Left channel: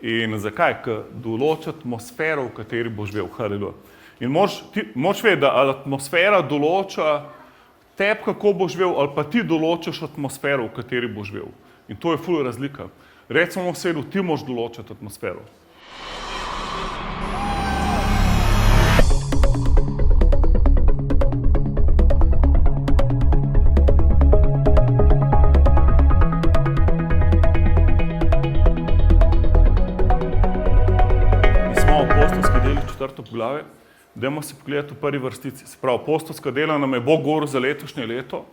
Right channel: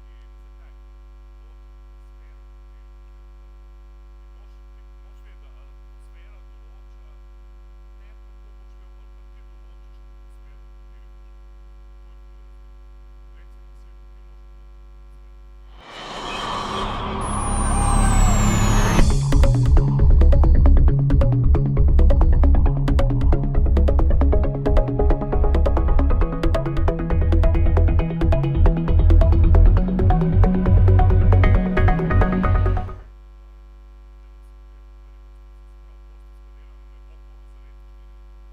In zakaj? Ker določa atmosfero, v kateri boš živel. Haleluja. In moraš vedeti, da atmosfera določa tebi, kako boš živel, ali pa ti določaš atmosfero, v kateri boš živel. In to je ful razlika. Recimo v sedu, ti moraš določati atmosfero. Poglavje. Dajmo se pogledati v prvi vrstici. Se pravi, apostolska dela nam je Bog govoril za letošnje leto,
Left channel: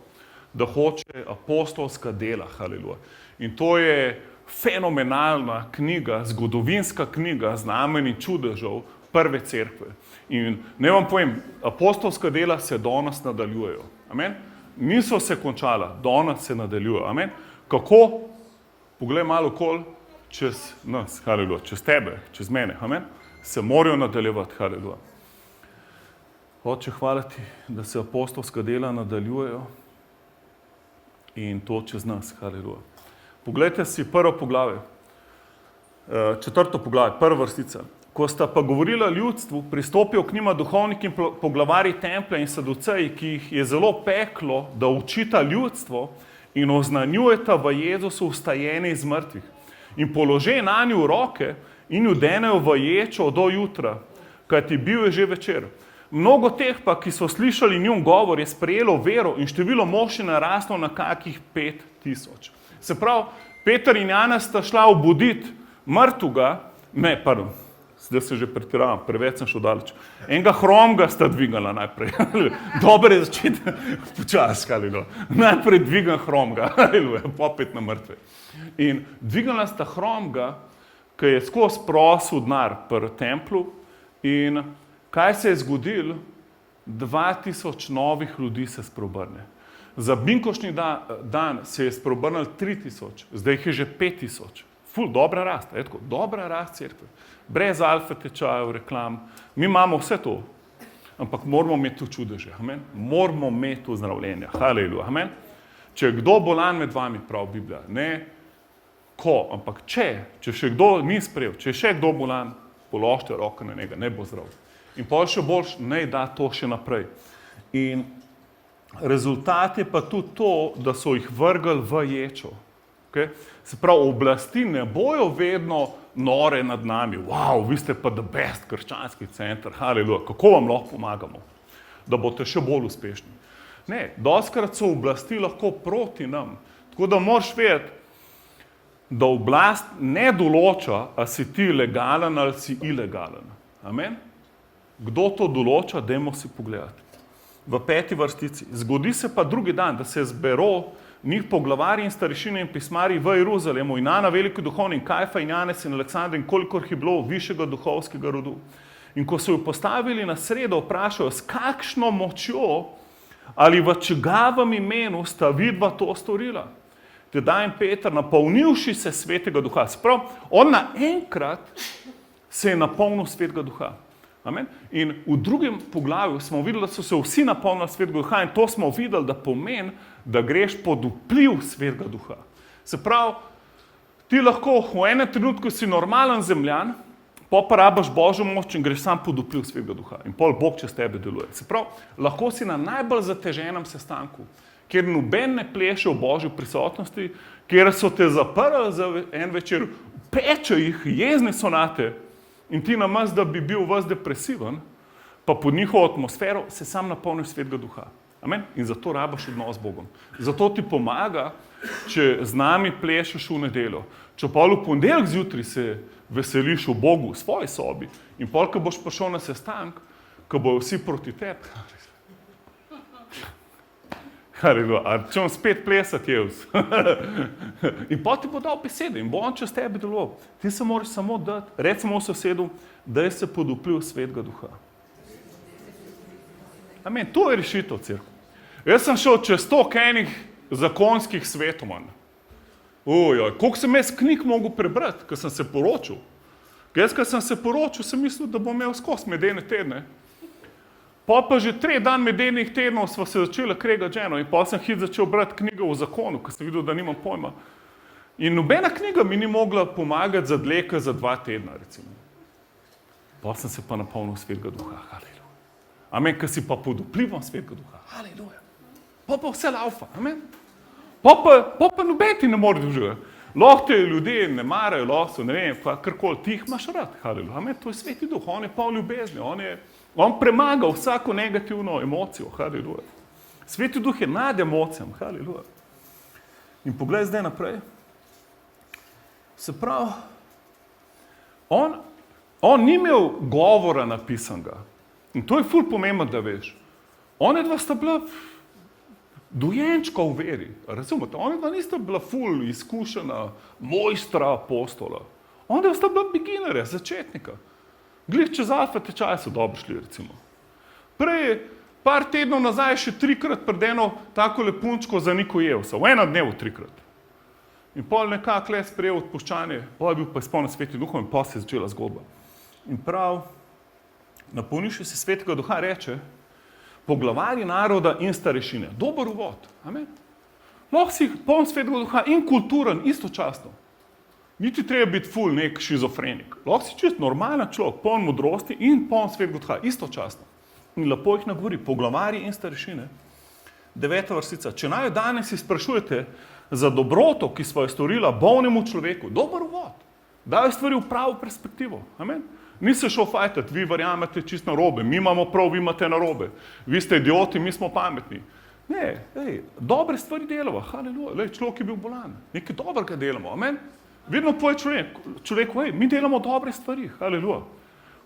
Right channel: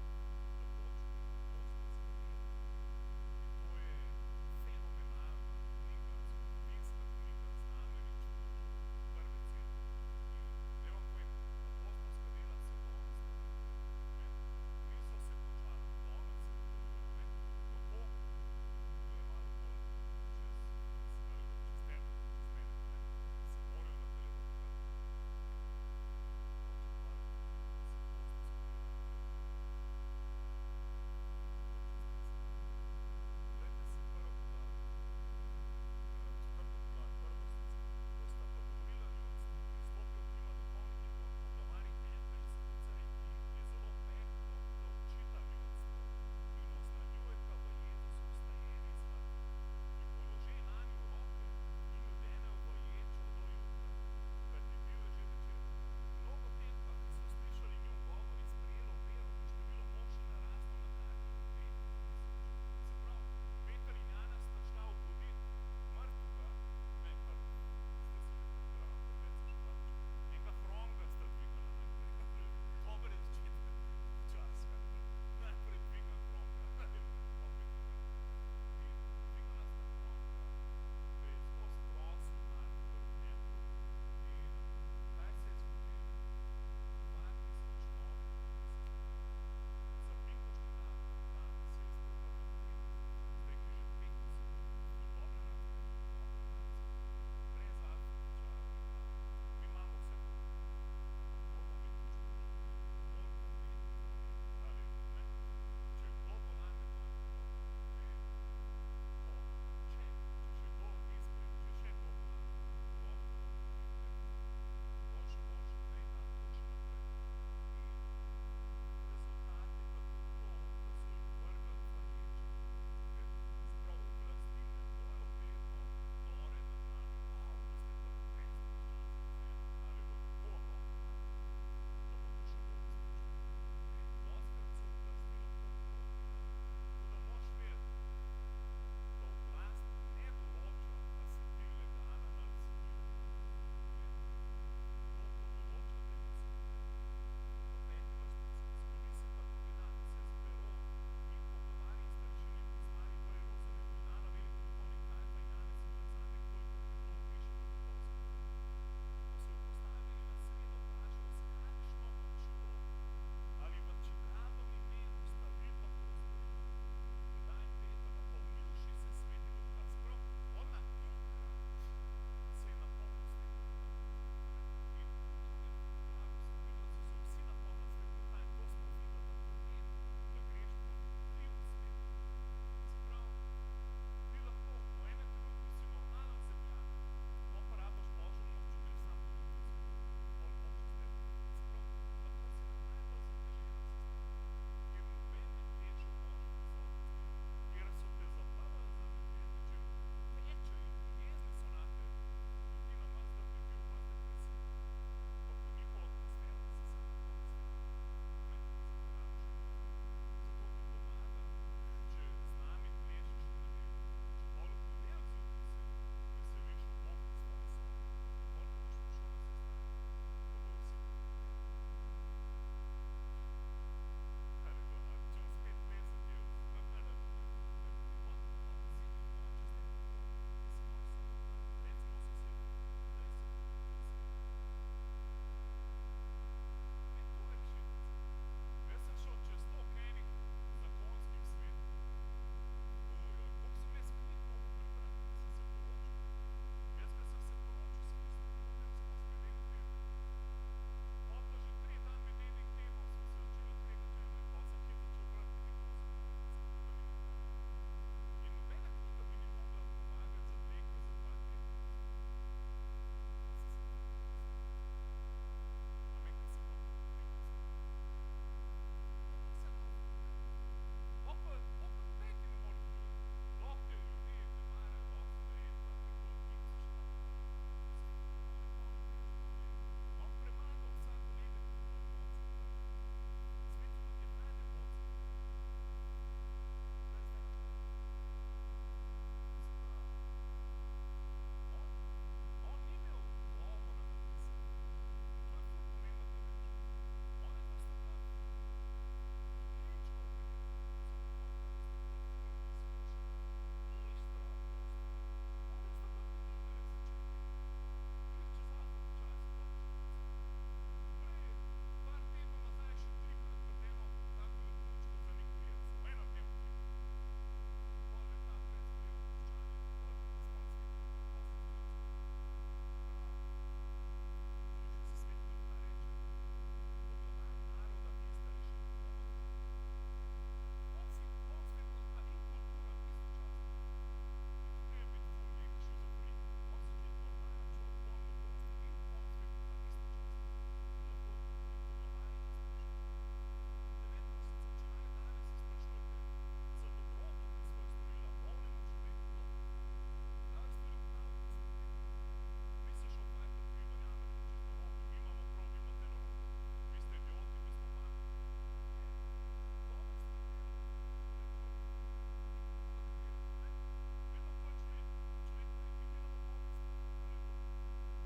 da hoče apostolska dela, haleluja. In to je fenomenalna knjiga, zgodovinska knjiga znamenj in čudežev prve cerkve. In ne vam povem, apostolska dela se danes nadaljujejo. Amen? Niso se končala, danes se nadaljujejo. Amen? Kako? Poglej malo okoli čez nas, haleluja, čez tebe, čez mene. Amen? Se morajo nadaljevati, haleluja. Oče, hvala ti, da se apostolska dela nadaljujejo in to čez nas, haleluja. Poglejte si prvo poglavje, četrto poglavje, prva vrstica. Ko sta pa govorila ljudstvu, pristopijo k njima duhovniki in poglavarji templja in saduceji, ki jih je zelo peklo, da učita ljudstvo in oznanjujeta v Jezusu vstajanje iz mrtvih. In položaj nanju roke in ju denejo v ječo do jutra, kajti bil je že večer. Mnogo teh pa, ki so slišali njun govor, je sprejelo vero in število mož je naraslo na kakih 5000. Se pravi, Peter in Janez sta šla obuditi mrtvega, zdaj se že pretiravam, preveč sem šel daleč. Enega hromga sta dvigala najprej. Dobre je začeti počas, haleluja. Najprej dvigan hromga, haleluja, popet na mrtve. In dvigala sta hromga, ki je skozi prosil denar pri templu, in kaj se je zgodilo? 2000 novih ljudi se spreobrne. Za binkošnji dan se je spreobrnilo 3000, zdaj jih je že 5000. Ful, dobra rast, dobra rast cerkve. Brez alfa tečajev, reklam, mi imamo vse to, ampak moramo imeti to čudeže, amen? Moramo imeti to zdravljenje, haleluja, amen? Če je kdo bolan med vami, pravi Biblija, ne ko, ampak če še kdo ni sprejel, če je še kdo bolan, položite roko na njega, ne bo zdrav. In pol še boljš, ne da to še naprej. In rezultat je pa tudi to, da so jih vrgli v ječo. Okay? Se pravi, oblasti ne bojo vedno nore nad nami. Wow, vi ste pa the best krščanski center, haleluja, kako vam lahko pomagamo, da boste še bolj uspešni. Ne, dostikrat so oblasti lahko proti nam. Tako da moraš vedeti, da oblast ne določa, a si ti legalen ali si ilegalen. Amen? Kdo to določa, dajmo si pogledati. V 5. vrstici. Zgodi se pa drugi dan, da se zbero njih poglavarji in starešine in pismarji v Jeruzalemu in Ana veliki duhovni in Kajfa in Janez in Aleksandar in kolikor je bilo višjega duhovskega rodu. In ko so jo postavili na sredo, vprašajo, s kakšno močjo ali v čigavem imenu sta vidva to storila. Tedaj in Peter, napolnivši se svetega duha. Sprav, on naenkrat se je napolnil svetega duha. Amen? In v drugem poglavju smo videli, da so se vsi napolnili svetega duha in to smo videli, da pomeni, da greš pod vpliv svetega duha. Se pravi, ti lahko v enem trenutku si normalen zemljan, pa rabiš Božjo moč in greš sam pod vpliv svetega duha. In pol Bog čez tebe deluje. Se pravi, lahko si na najbolj zateženem sestanku, kjer noben ne pleše v Božji prisotnosti, kjer so te zaprli za en večer, peče jih, jezne so nate, in ti namesto, da bi bil ves depresiven, pa pod njihovo atmosfero se sam napolniš svetega duha. Amen? In zato rabiš odnos z Bogom. Zato ti pomaga, če z nami plešeš v nedeljo. Če pa v ponedeljek zjutraj se veseliš v Bogu v svoji sobi in pol, ko boš prišel na sestank, ko bojo vsi proti tebi, a če on spet plesati jevs. In pa ti bo dal besede in bo on čez tebe deloval. Ti se moraš samo dati, recimo sosedu, daj se pod vpliv svetega duha. Amen, to je rešitev cerkve. Jaz sem šel čez 100 enih zakonskih svetovanj. Koliko sem jaz knjig mogel prebrati, ko sem se poročil. Jaz, ko sem se poročil, sem mislil, da bom imel skozi medene tedne. Pa že 3 dan medenih tednov sva se začela kregati ženo in pa sem začel brati knjigo o zakonu, ko sem videl, da nimam pojma. In nobena knjiga mi ni mogla pomagati za dleke za 2 tedna, recimo. Pa sem se pa napolnil Svetega Duha, haleluja. Amen, ker si pa pod vplivom Svetega Duha, haleluja. Pa vse laufa, amen. Pa noben ti ne more doživeti. Lahko te ljudje ne marajo, lahko so, ne vem, karkoli, ti jih imaš rad, haleluja. Amen, to je Sveti Duh, on je poln ljubezni, on premaga vsako negativno emocijo, haleluja. Sveti Duh je nad emocijami, haleluja. In poglej zdaj naprej. Se pravi, on ni imel govora napisanega. In to je ful pomembno, da veš. One dva sta bila dojenčka v veri, razumete? One dva nista bila ful izkušena mojstra apostola. One dva sta bila beginnerja, začetnika. Glih čez alfa tečaje so dobro šli, recimo. Prej, par tednov nazaj, še 3-krat pred eno tako lepunčko za Niko Jevsa, v enem dnevu 3-krat. In pol nekako le sprejel odpuščanje, pol je bil pa izpolnjen Svetim Duhom in pol se je začela zgodba. In prav, napolnivši se Svetega Duha reče, poglavarji naroda in starešine. Dober uvod, amen. Lahko si poln Svetega Duha in kulturen istočasno. Niti treba biti ful nek šizofrenik. Lahko si čist normalen človek, poln modrosti in poln Svetega Duha istočasno. In lepo jih nagovori, poglavarji in starešine. 9. vrstica. Če naj danes sprašujete za dobroto, ki sva jo storila bolnemu človeku, dober uvod. Dajo stvari v pravo perspektivo. Amen. Ni se šel fajtati, vi verjamete čist narobe, mi imamo prav, vi imate narobe. Vi ste idioti, mi smo pametni. Ne, dobre stvari delamo, haleluja. Človek je bil bolan, nekaj dobrega delamo, amen. Vedno poje človeku, mi delamo dobre stvari, haleluja.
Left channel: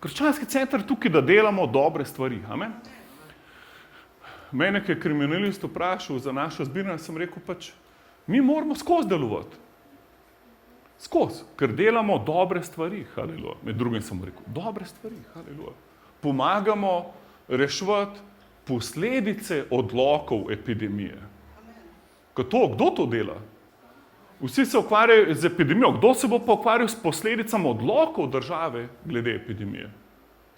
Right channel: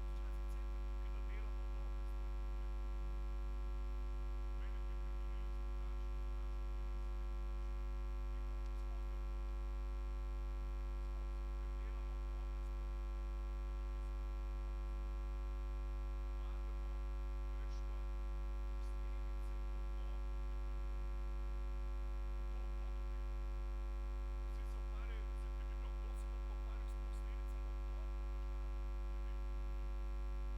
Krščanski center tukaj, da delamo dobre stvari, amen. Mene, ki je kriminalist vprašal za našo zbiranje, sem rekel pač, mi moramo skozi delovati. Skozi, ker delamo dobre stvari, haleluja. Med drugim sem rekel, dobre stvari, haleluja. Pomagamo reševati posledice odlokov epidemije. Kdo to dela? Vsi se ukvarjajo z epidemijo, kdo se bo pa ukvarjal s posledicami odlokov države glede epidemije?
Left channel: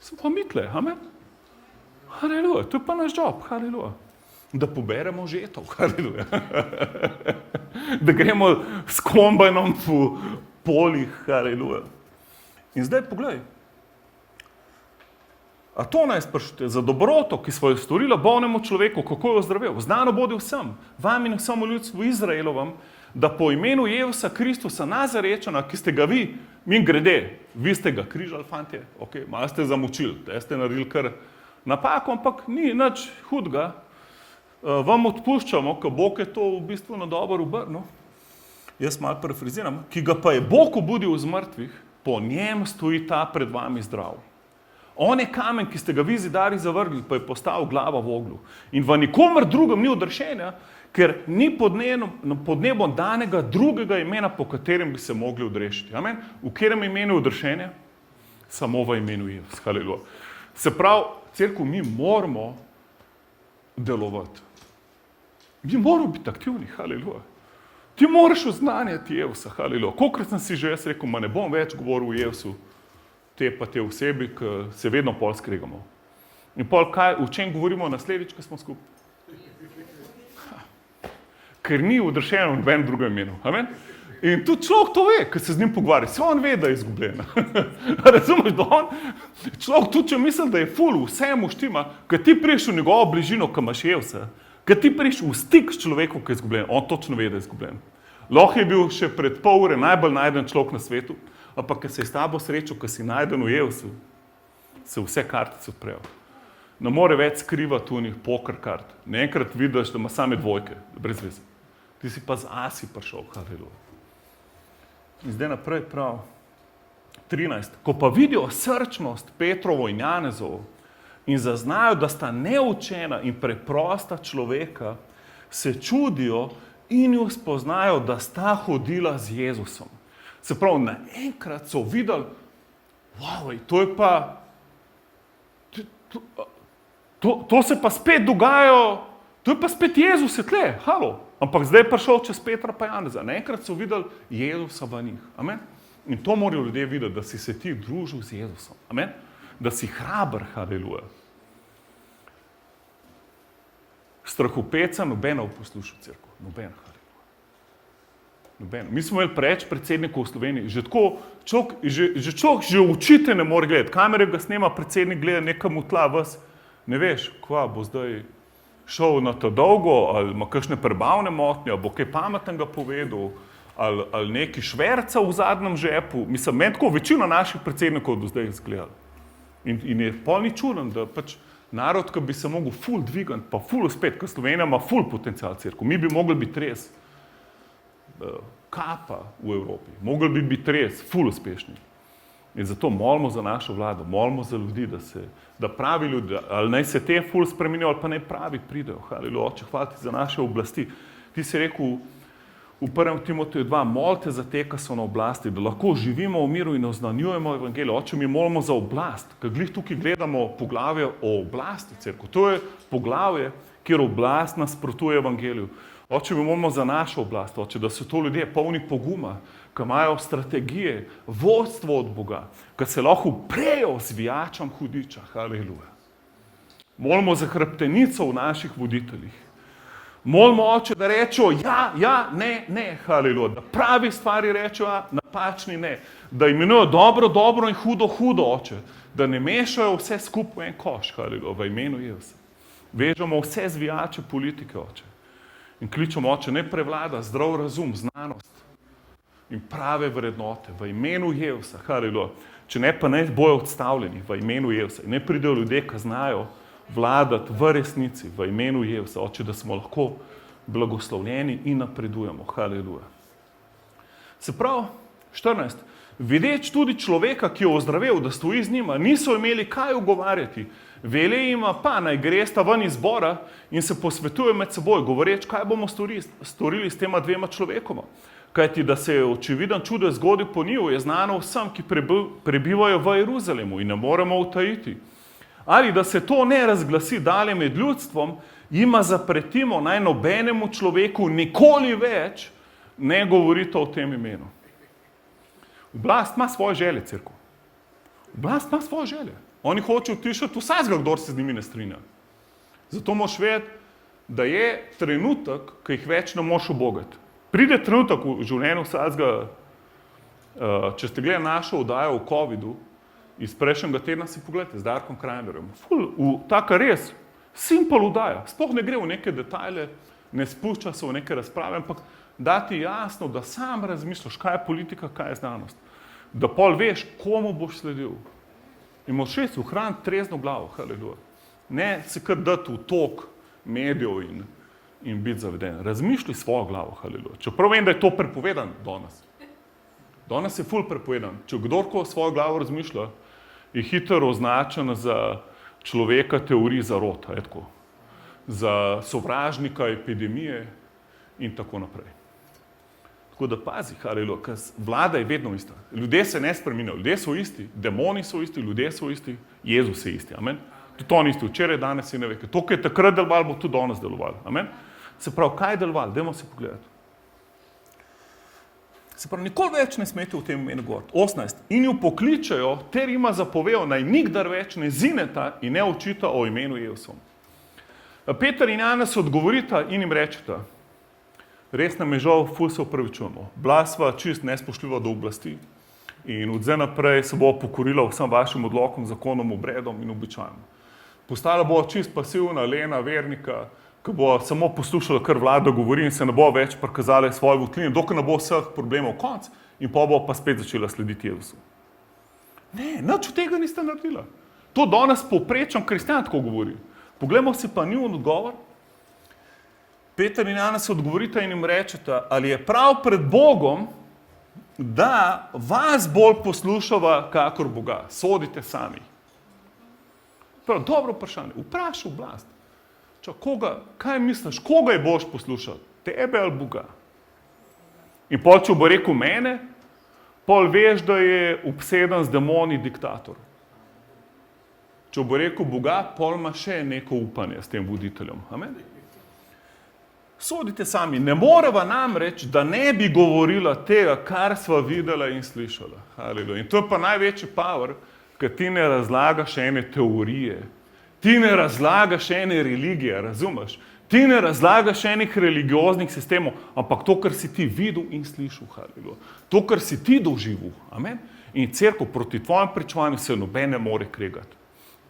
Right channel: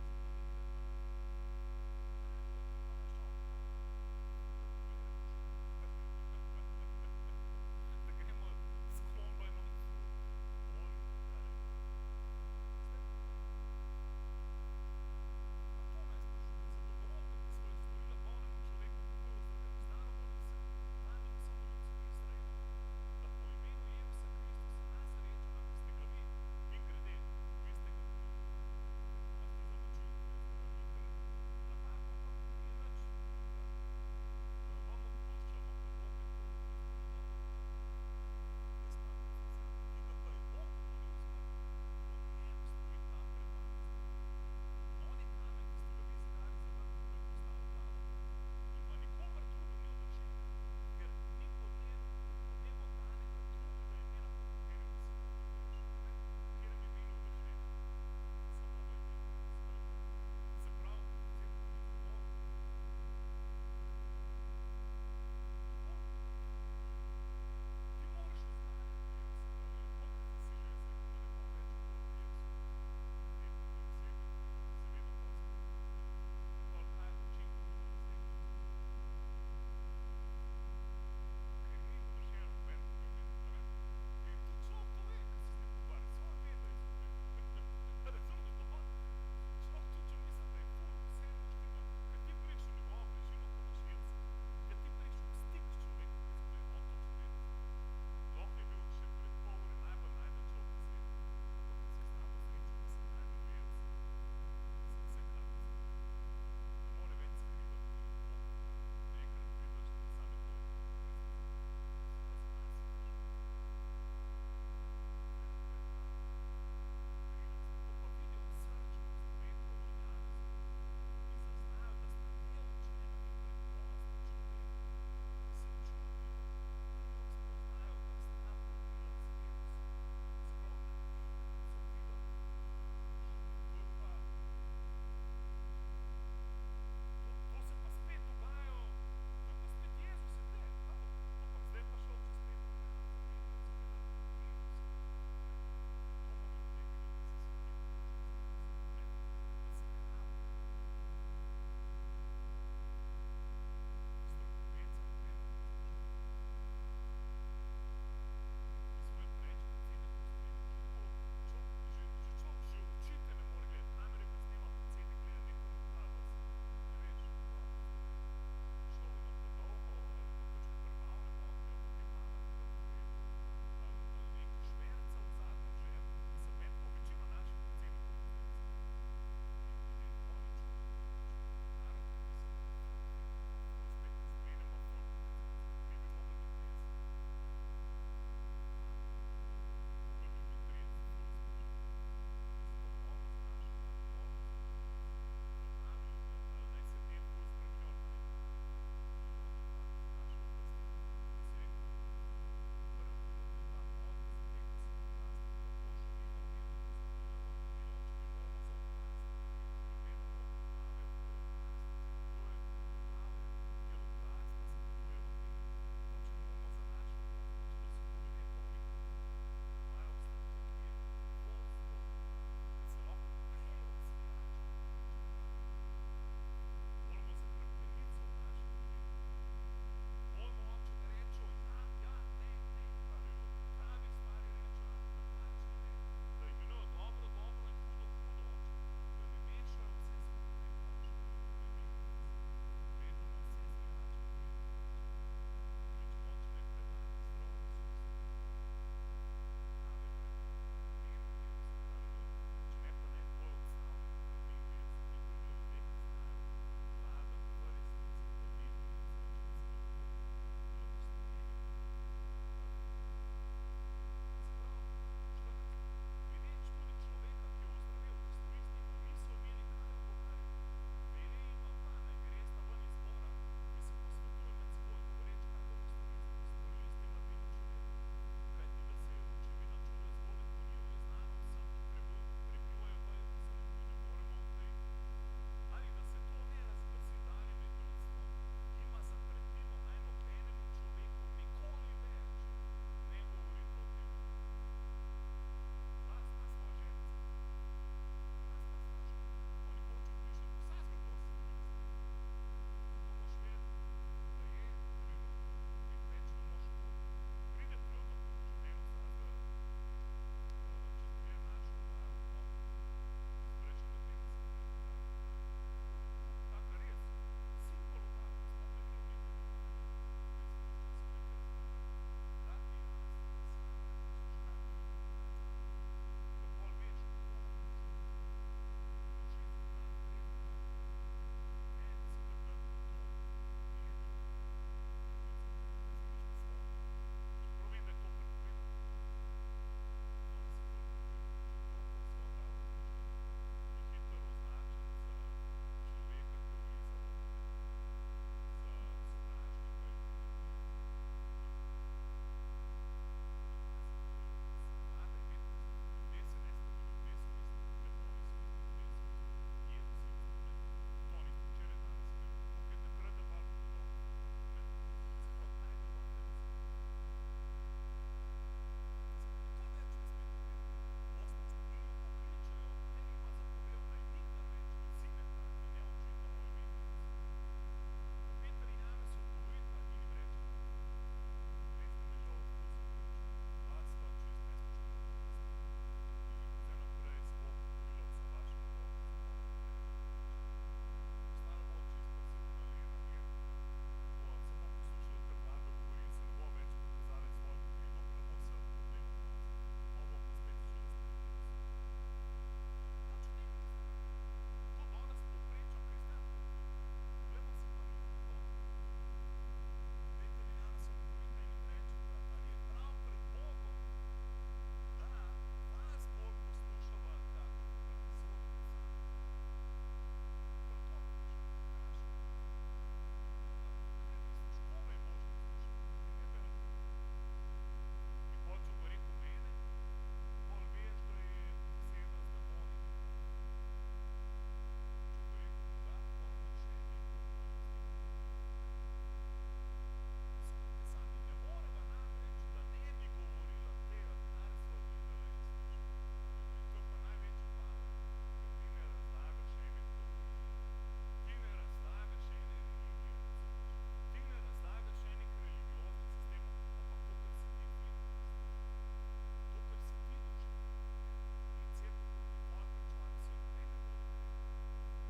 Sem pa mitle, amen? Haleluja, to je pa naš job, haleluja. Da poberemo žetov, haleluja. Da gremo s kombajnom po polih, haleluja. In zdaj poglej. A to naj sprašujete, za dobroto, ki sva jo storila bolnemu človeku, kako jo zdravil? Znano bodi vsem, vam in vsemu ljudstvu Izraelovam, da po imenu Jezusa Kristusa Nazarečana, ki ste ga vi, min grede, vi ste ga križali, fantje, malo ste zamučili, da ste naredili kar napako, ampak ni nič hudega. Vam odpuščamo, ko Bog je to v bistvu na dobro obrnil, jaz malo parafraziram, ki ga pa je Bog obudil iz mrtvih, po njem stoji ta pred vami zdrav. On je kamen, ki ste ga vi zidarji zavrgli, pa je postal glava v ognju. In v nikomer drugem ni odrešenja, ker ni pod nebom danega drugega imena, po katerem bi se mogli odrešiti. Amen? V katerem imenu je odrešenje? Samo v imenu Jezus. Haleluja. Se pravi, cerkev, mi moramo delovati. Mi moramo biti aktivni, haleluja. Ti moraš oznanjati Jezusa, haleluja. Kolikrat sem si že jaz rekel, ne bom več govoril o Jezusu, te pa te osebi, ki se vedno pol skregamo. In pol o čem govorimo naslednjič, ko smo skupaj? Ker ni odrešeno v nobenem drugem imenu. Amen? In tudi človek to ve, ko se z njim pogovarja. Se on ve, da je izgubljen. Razumeš, da človek tudi, če misli, da je ful, vse mu štima, ko ti priješ v njegovo bližino, ko imaš Jezusa, ko ti priješ v stik s človekom, ki je izgubljen, on točno ve, da je izgubljen. Lahko je bil še pred pol ure najbolj najden človek na svetu, ampak ko se je s tabo srečal, ko si najden v Jezusu, se vse kartice odprejo. Ne more več skrivati unih poker kart. Enkrat vidiš, da ima same dvojke, brez veze. Ti si pa z asi prišel, haleluja. In zdaj naprej prav. 13. Ko pa vidijo srčnost Petrovo in Janezovo in zaznajo, da sta neučena in preprosta človeka, se čudijo in jo spoznajo, da sta hodila z Jezusom. Se pravi, naenkrat so videli, to je pa, to se pa spet dogaja, to je pa spet Jezus je tle, halo. Ampak zdaj je prišel čez Petra pa Janeza. Naenkrat so videli Jezusa v njih. Amen? In to morajo ljudje videti, da si se ti družil z Jezusom. Amen? Da si hraber, haleluja. Strahopeca nobena v poslušu cerkev. Nobena, haleluja. Noben. Mi smo imeli preveč predsednikov v Sloveniji. Že človek očite ne more gledati. Kamere ga snema, predsednik gleda nekam v tla, vas ne veš, kva bo zdaj šel na to dolgo, ali ima kakšne prebavne motnje, ali bo kaj pametnega povedal, ali neki šverca v zadnjem žepu. Mislim, meni tako večina naših predsednikov do zdaj izgledala. In je pol ni čuden, da pač narod, ki bi se mogel ful dvigati, pa ful uspeti, ker Slovenija ima ful potencial cerkev. Mi bi mogli biti res kapa v Evropi. Mogli bi biti res ful uspešni. In zato molimo za našo vlado, molimo za ljudi, da pravi ljudi, ali naj se te ful spremenijo, ali pa naj pravi pridejo. Haleluja, Oče, hvala ti za naše oblasti. Ti si rekel v 1. Timoteju 2, molite za te, ki so na oblasti, da lahko živimo v miru in oznanjujemo evangelij. Oče, mi molimo za oblast, ker glih tukaj gledamo poglavje o oblasti cerkev. To je poglavje, kjer oblast nasprotuje evangeliju. Oče, mi molimo za našo oblast, Oče, da so to ljudje polni poguma, ki imajo strategije, vodstvo od Boga, ki se lahko uprejo zvijačam hudiča. Haleluja. Molimo za hrbtenico v naših voditeljih. Molimo, Oče, da rečejo ja, ne, haleluja, da pravi stvari rečejo, napačni ne, da imenujo dobro in hudo, Oče, da ne mešajo vse skupaj v en koš, haleluja, v imenu Jezusa. Vežemo vse zvijače politike, Oče, in kličemo, Oče, ne prevlada zdrav razum, znanost in prave vrednote v imenu Jezusa, haleluja. Če ne, pa ne bojo odstavljeni v imenu Jezusa. Ne pridejo ljudje, ki znajo vladati v resnici, v imenu Jezusa, Oče, da smo lahko blagoslovljeni in napredujemo. Haleluja. Se pravi, 14. Videč tudi človeka, ki je ozdravel, da stoji z njima, niso imeli kaj ugovarjati. Vele jima pa, naj gresta ven iz zbora in se posvetuje med seboj, govoreč, kaj bomo storili s tema dvema človekoma. Kajti, da se je očividen čudež zgodil po njiju, je znano vsem, ki prebivajo v Jeruzalemu in ne moremo utajiti. Ali da se to ne razglasi dalje med ljudstvom, jima zapretimo, naj nobenemu človeku nikoli več ne govorite o tem imenu. Oblast ima svoje želje, cerkev. Oblast ima svoje želje. Oni hočejo utišati vsakega, kdor se z njimi ne strinja. Zato moraš vedeti, da je trenutek, ki jih več ne moš ubogati. Pride trenutek v življenju vsakega, če ste gledali našo oddajo o covidu, iz prejšnjega tedna si pogledajte z Darkom Krajnerjem. Taka res simple oddaja. Sploh ne gre v neke detajle, ne spušča se v neke razprave, ampak da ti jasno, da sam razmišljaš, kaj je politika, kaj je znanost. Da pol veš, komu boš sledil. In moraš res ohraniti trezno glavo, haleluja. Ne se kar dati v tok medijev in biti zaveden. Razmišljaj svojo glavo, haleluja. Čeprav vem, da je to prepovedan danes. Danes je ful prepovedan. Če kdorko svojo glavo razmišlja, je hitro označen za človeka teorij zarote, za sovražnika epidemije in tako naprej. Tako da pazi, haleluja, ker vlada je vedno ista. Ljudje se ne spreminjajo, ljudje so isti, demoni so isti, ljudje so isti, Jezus je isti, amen. Tudi on isti, včeraj, danes in ne veke. To, kar je takrat deloval, bo tudi danes deloval, amen. Se pravi, kaj je deloval? Dajmo se pogledati. Se pravi, nikoli več ne smete v tem imenu govoriti. 18. In jo pokličejo, ter ima zapovejo, naj nikdar več ne zineta in ne očita o imenu Jezusom. Peter in Janez odgovorita in jim rečeta, res nam je žal, ful se opravičujemo. Bila sva čist nespoštljiva do oblasti in od zdaj naprej se bo pokorila vsem vašim odlokom, zakonom, obredom in običajem. Postala bo čist pasivna, lena, vernika, ki bo samo poslušala, kar vlada govori in se ne bo več prikazala svoje votline, dokler ne bo vseh problemov konc in pa bo pa spet začela slediti Jezusu. Ne, nič od tega niste naredila. To danes povprečen kristjan tako govori. Poglejmo si pa njun odgovor. Peter in Janez odgovorita in jim rečeta, ali je prav pred Bogom, da vas bolj poslušava kakor Boga. Sodite sami. Prav, dobro vprašanje. Vprašaj oblast. Kaj misliš, koga je boš poslušal? Tebe ali Boga? In pol, če bo rekel mene, pol veš, da je obseden z demoni diktator. Če bo rekel Boga, pol ima še neko upanje s tem voditeljem. Amen? Sodite sami. Ne moreva namreč, da ne bi govorila tega, kar sva videla in slišala. Haleluja. In to je pa največji power, ker ti ne razlagaš ene teorije. Ti ne razlagaš ene religije, razumeš? Ti ne razlagaš enih religioznih sistemov, ampak to, kar si ti videl in slišal, haleluja. To, kar si ti doživel, amen. In cerkev proti tvojem pričevanju se noben ne more kregati.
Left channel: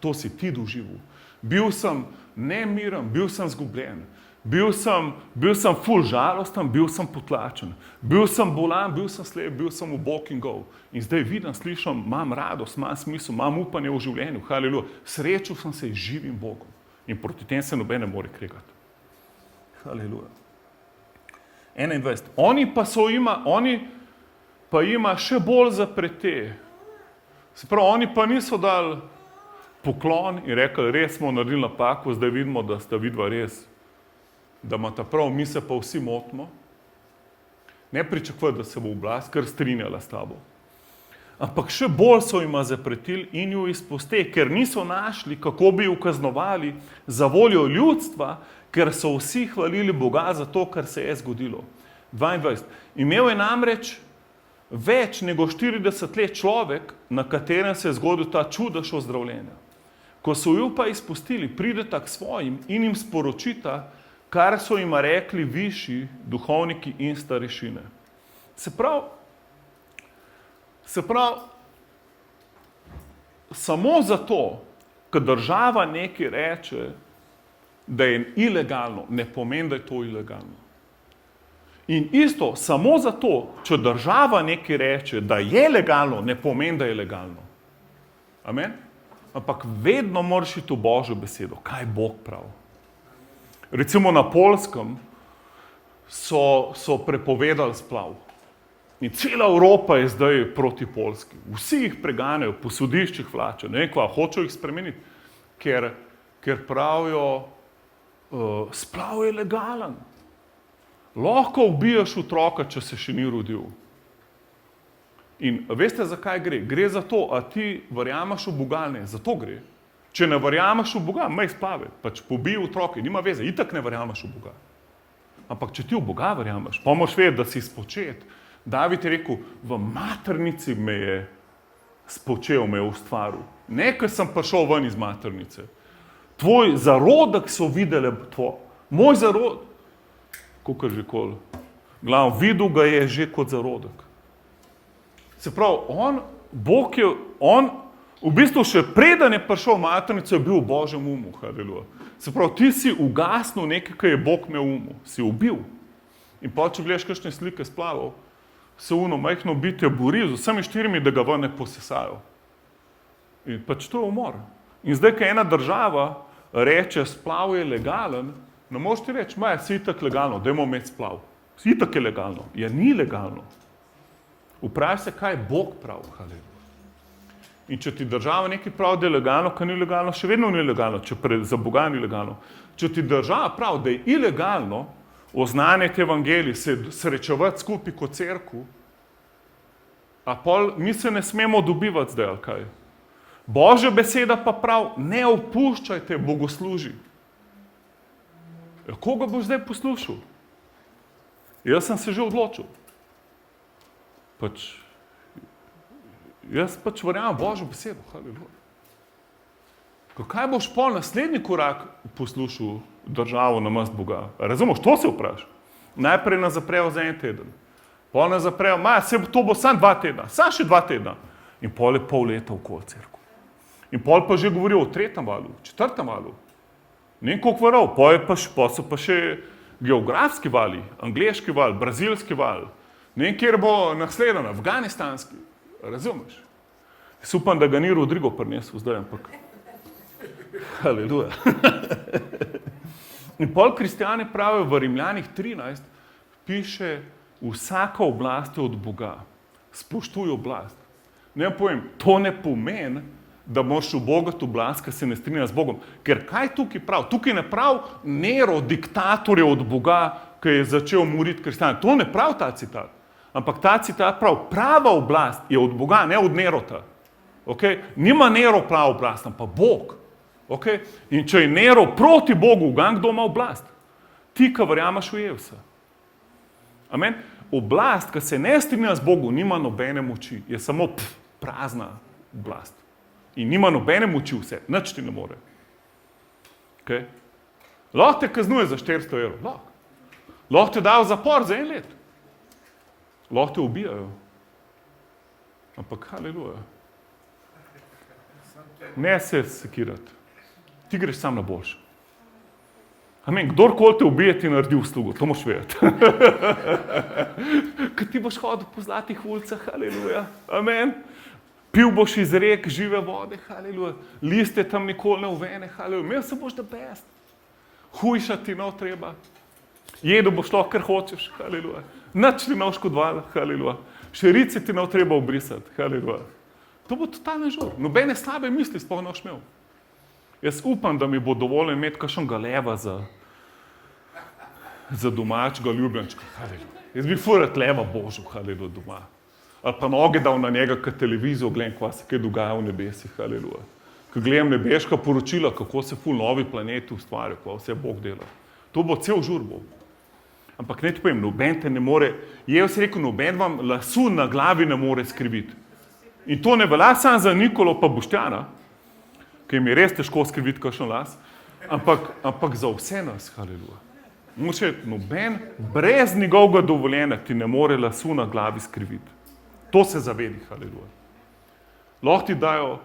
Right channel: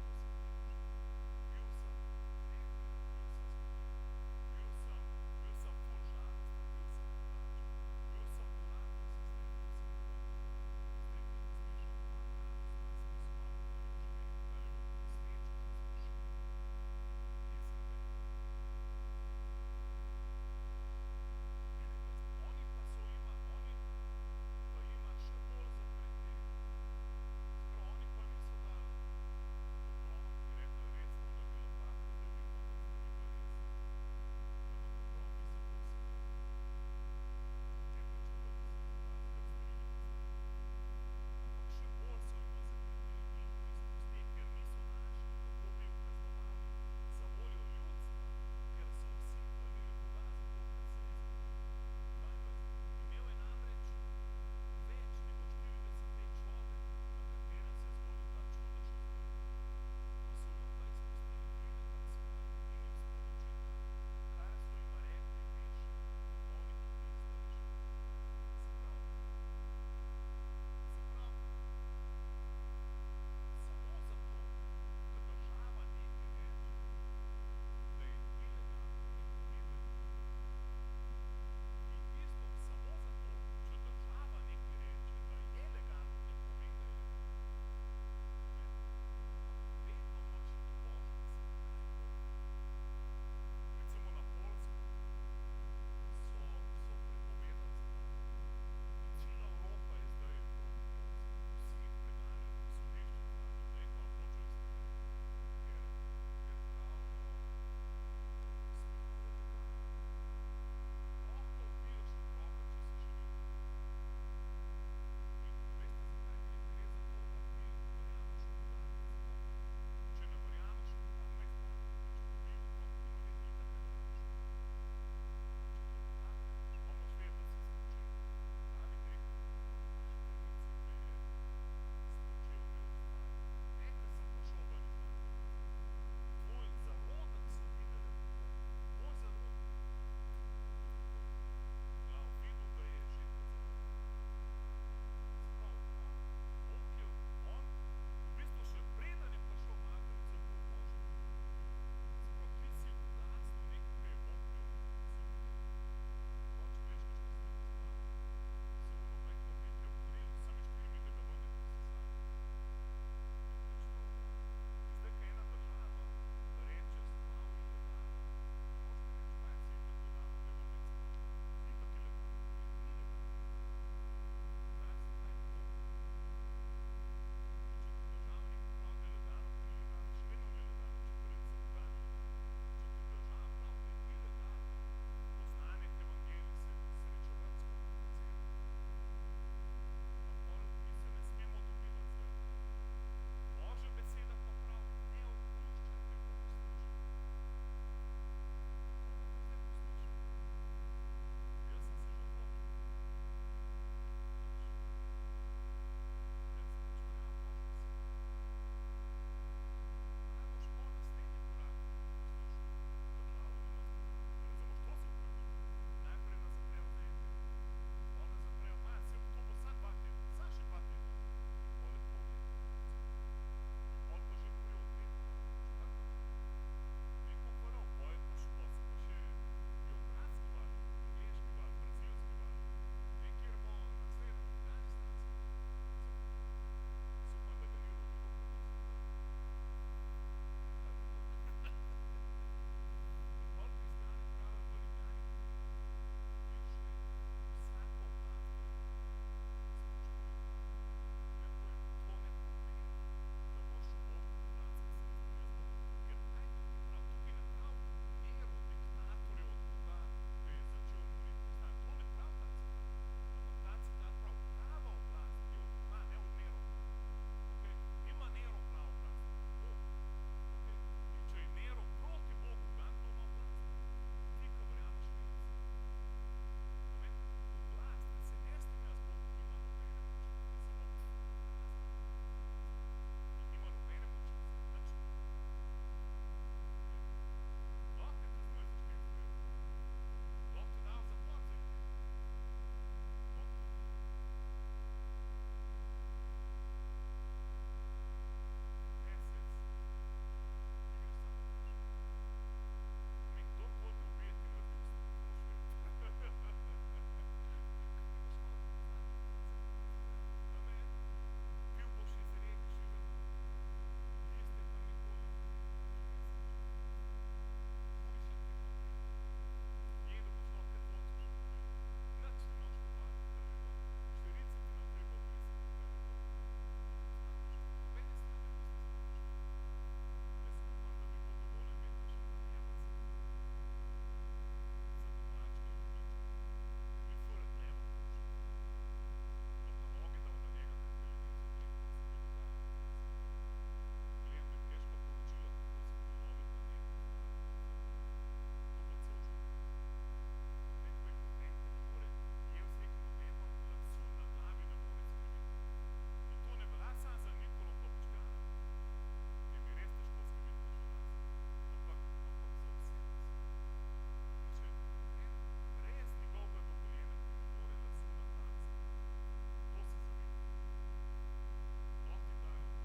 To si ti doživel. Bil sem nemiren, bil sem zgubljen, bil sem ful žalosten, bil sem potlačen, bil sem bolan, bil sem slep, bil sem ubog in gol. In zdaj vidim, slišim, imam radost, imam smisel, imam upanje v življenju, haleluja. Srečal sem se z živim Bogom in proti tem se noben ne more kregati. Haleluja. 21. Oni pa ima še bolj zaprete. Se pravi, oni pa niso dali poklon in rekli, res smo naredili napako, zdaj vidimo, da sta vidva res, da imata prav, mi se pa vsi motimo. Ne pričakuj, da se bo oblast kar strinjala s tabo. Ampak še bolj so jima zapretili in jo izpustili, ker niso našli, kako bi jo kaznovali za voljo ljudstva, ker so vsi hvalili Boga za to, kar se je zgodilo. 22. Imel je namreč več nego 40 let človek, na katerem se je zgodil ta čudež ozdravljenja. Ko so jo pa izpustili, prideta k svojim in jim sporočita, kar so jima rekli višji duhovniki in starešine. Se pravi, samo zato, ker država nekaj reče, da je ilegalno, ne pomeni, da je to ilegalno. In isto, samo zato, če država nekaj reče, da je legalno, ne pomeni, da je legalno. Amen? Ampak vedno moraš iti v Božjo besedo, kaj Bog pravi. Recimo na Poljskem so prepovedali splav. In cela Evropa je zdaj proti Poljski. Vsi jih preganjajo, po sodiščih vlačijo, ne vem kva, hočejo jih spremeniti, ker pravijo, splav je legalen. Lahko ubijaš otroka, če se še ni rodil. In veste, zakaj gre? Gre za to, a ti verjameš v Boga, ne, za to gre. Če ne verjameš v Boga, maj splave, pač pobij otroke, nima veze, itak ne verjameš v Boga. Ampak če ti v Boga verjameš, pa moraš vedeti, da si spočet. David je rekel, v maternici me je spočel, me je ustvaril. Ne, ker sem prišel ven iz maternice. Tvoj zarodek so videli, moj zarodek, kakor že kol, glavno, videl ga je že kot zarodek. Se pravi, Bog je, v bistvu še preden je prišel v maternico, je bil v Božjem umu, haleluja. Se pravi, ti si ugasnil nekaj, kar je Bog imel v umu, si ubil. In pa, če gledaš kakšne slike splavov, se majhno bitje bori z vsemi štirimi, da ga ven ne posesajo. In pač to je umor. In zdaj, ko ena država reče, splav je legalen, ne moreš ti reči, si itak legalno, dajmo imeti splav. Si itak je legalno. Ja, ni legalno. Vpravi se, kaj Bog pravi, haleluja. In če ti država nekaj pravi, da je legalno, kaj ni legalno, še vedno ni legalno, če za Boga ni legalno. Če ti država pravi, da je ilegalno oznanjati evangelij, se srečevati skupaj kot cerkev, a pol mi se ne smemo dobivati zdaj, ali kaj? Božja beseda pa pravi, ne opuščajte bogoslužij. Ja, koga boš zdaj poslušal? Jaz sem se že odločil. Jaz verjamem Božjo besedo, haleluja. Kaj boš pol naslednji korak poslušal državo namesto Boga? Razumeš, to se vpraša. Najprej nas zaprejo za en teden. Pol nas zaprejo, to bo samo 2 tedna, samo še 2 tedna. In pol je pol leta okoli cerkev. In pol pa že govorijo o 3. valu, 4. valu. Ne vem koliko varov, pol so pa še geografski vali, angleški val, brazilski val. Ne vem, kjer bo naslednji, afganistanski. Razumeš? Jaz upam, da ga ni Rodrigo prinesel zdaj, ampak haleluja. In pol kristjani pravijo v Rimljanih 13, piše, vsaka oblast je od Boga. Spoštuj oblast. Ne povem, to ne pomeni, da moraš ubogati oblast, ki se ne strinja z Bogom. Ker kaj tukaj pravi? Tukaj ne pravi Nero, diktator je od Boga, ki je začel moriti kristjane. To ne pravi ta citat. Ampak ta citat pravi, prava oblast je od Boga, ne od Nerota. Okay? Nima Nero prava oblast, ampak Bog. Okay? In če je Nero proti Bogu, kdo ima oblast? Ti, ki verjameš v Jezusa. Amen? Oblast, ki se ne strinja z Bogom, nima nobene moči. Je samo prazna oblast. In nima nobene moči vse. Nič ti ne more. Okay? Lahko te kaznuje za 400 evrov. Lahko. Lahko te dajo v zapor za 1 let. Lahko te ubijajo. Ampak haleluja. Ne se sekirati. Ti greš sam na boljše. Amen. Kdorkoli te ubije, ti naredi uslugo. To moš vedeti. Ko ti boš hodil po zlatih ulicah, haleluja. Amen. Pil boš iz rek žive vode, haleluja. Liste tam nikoli ne uvene, haleluja. Imel se boš da best. Hujšati ti ne treba. Jedu boš lahko, kar hočeš, haleluja. Nič ti ne škodovala, haleluja. Šerice ti ne treba obrisati, haleluja. To bo totalno žur. Nobene slabe misli sploh ne boš imel. Jaz upam, da mi bo dovolj imeti kakšnega leva za domačega ljubljenčka, haleluja. Jaz bi furat leva božil, haleluja, doma. Ali pa noge dal na njega, kad televizijo gledam, kva se kaj dogaja v nebesih, haleluja. Ko gledam nebeška poročila, kako se ful novi planeti ustvarjajo, kva vse Bog dela. To bo cel žur bo. Ampak ne ti povem, noben te ne more, Jezus rekel, noben vam lasu na glavi ne more skriviti. In to ne velja samo za Nikolo pa Boštjana, ki jim je res težko skriviti kakšen las, ampak za vse nas, haleluja. Moraš reči, noben brez njegovega dovoljenja ti ne more lasu na glavi skriviti. To se zavedi, haleluja. Lahko ti dajo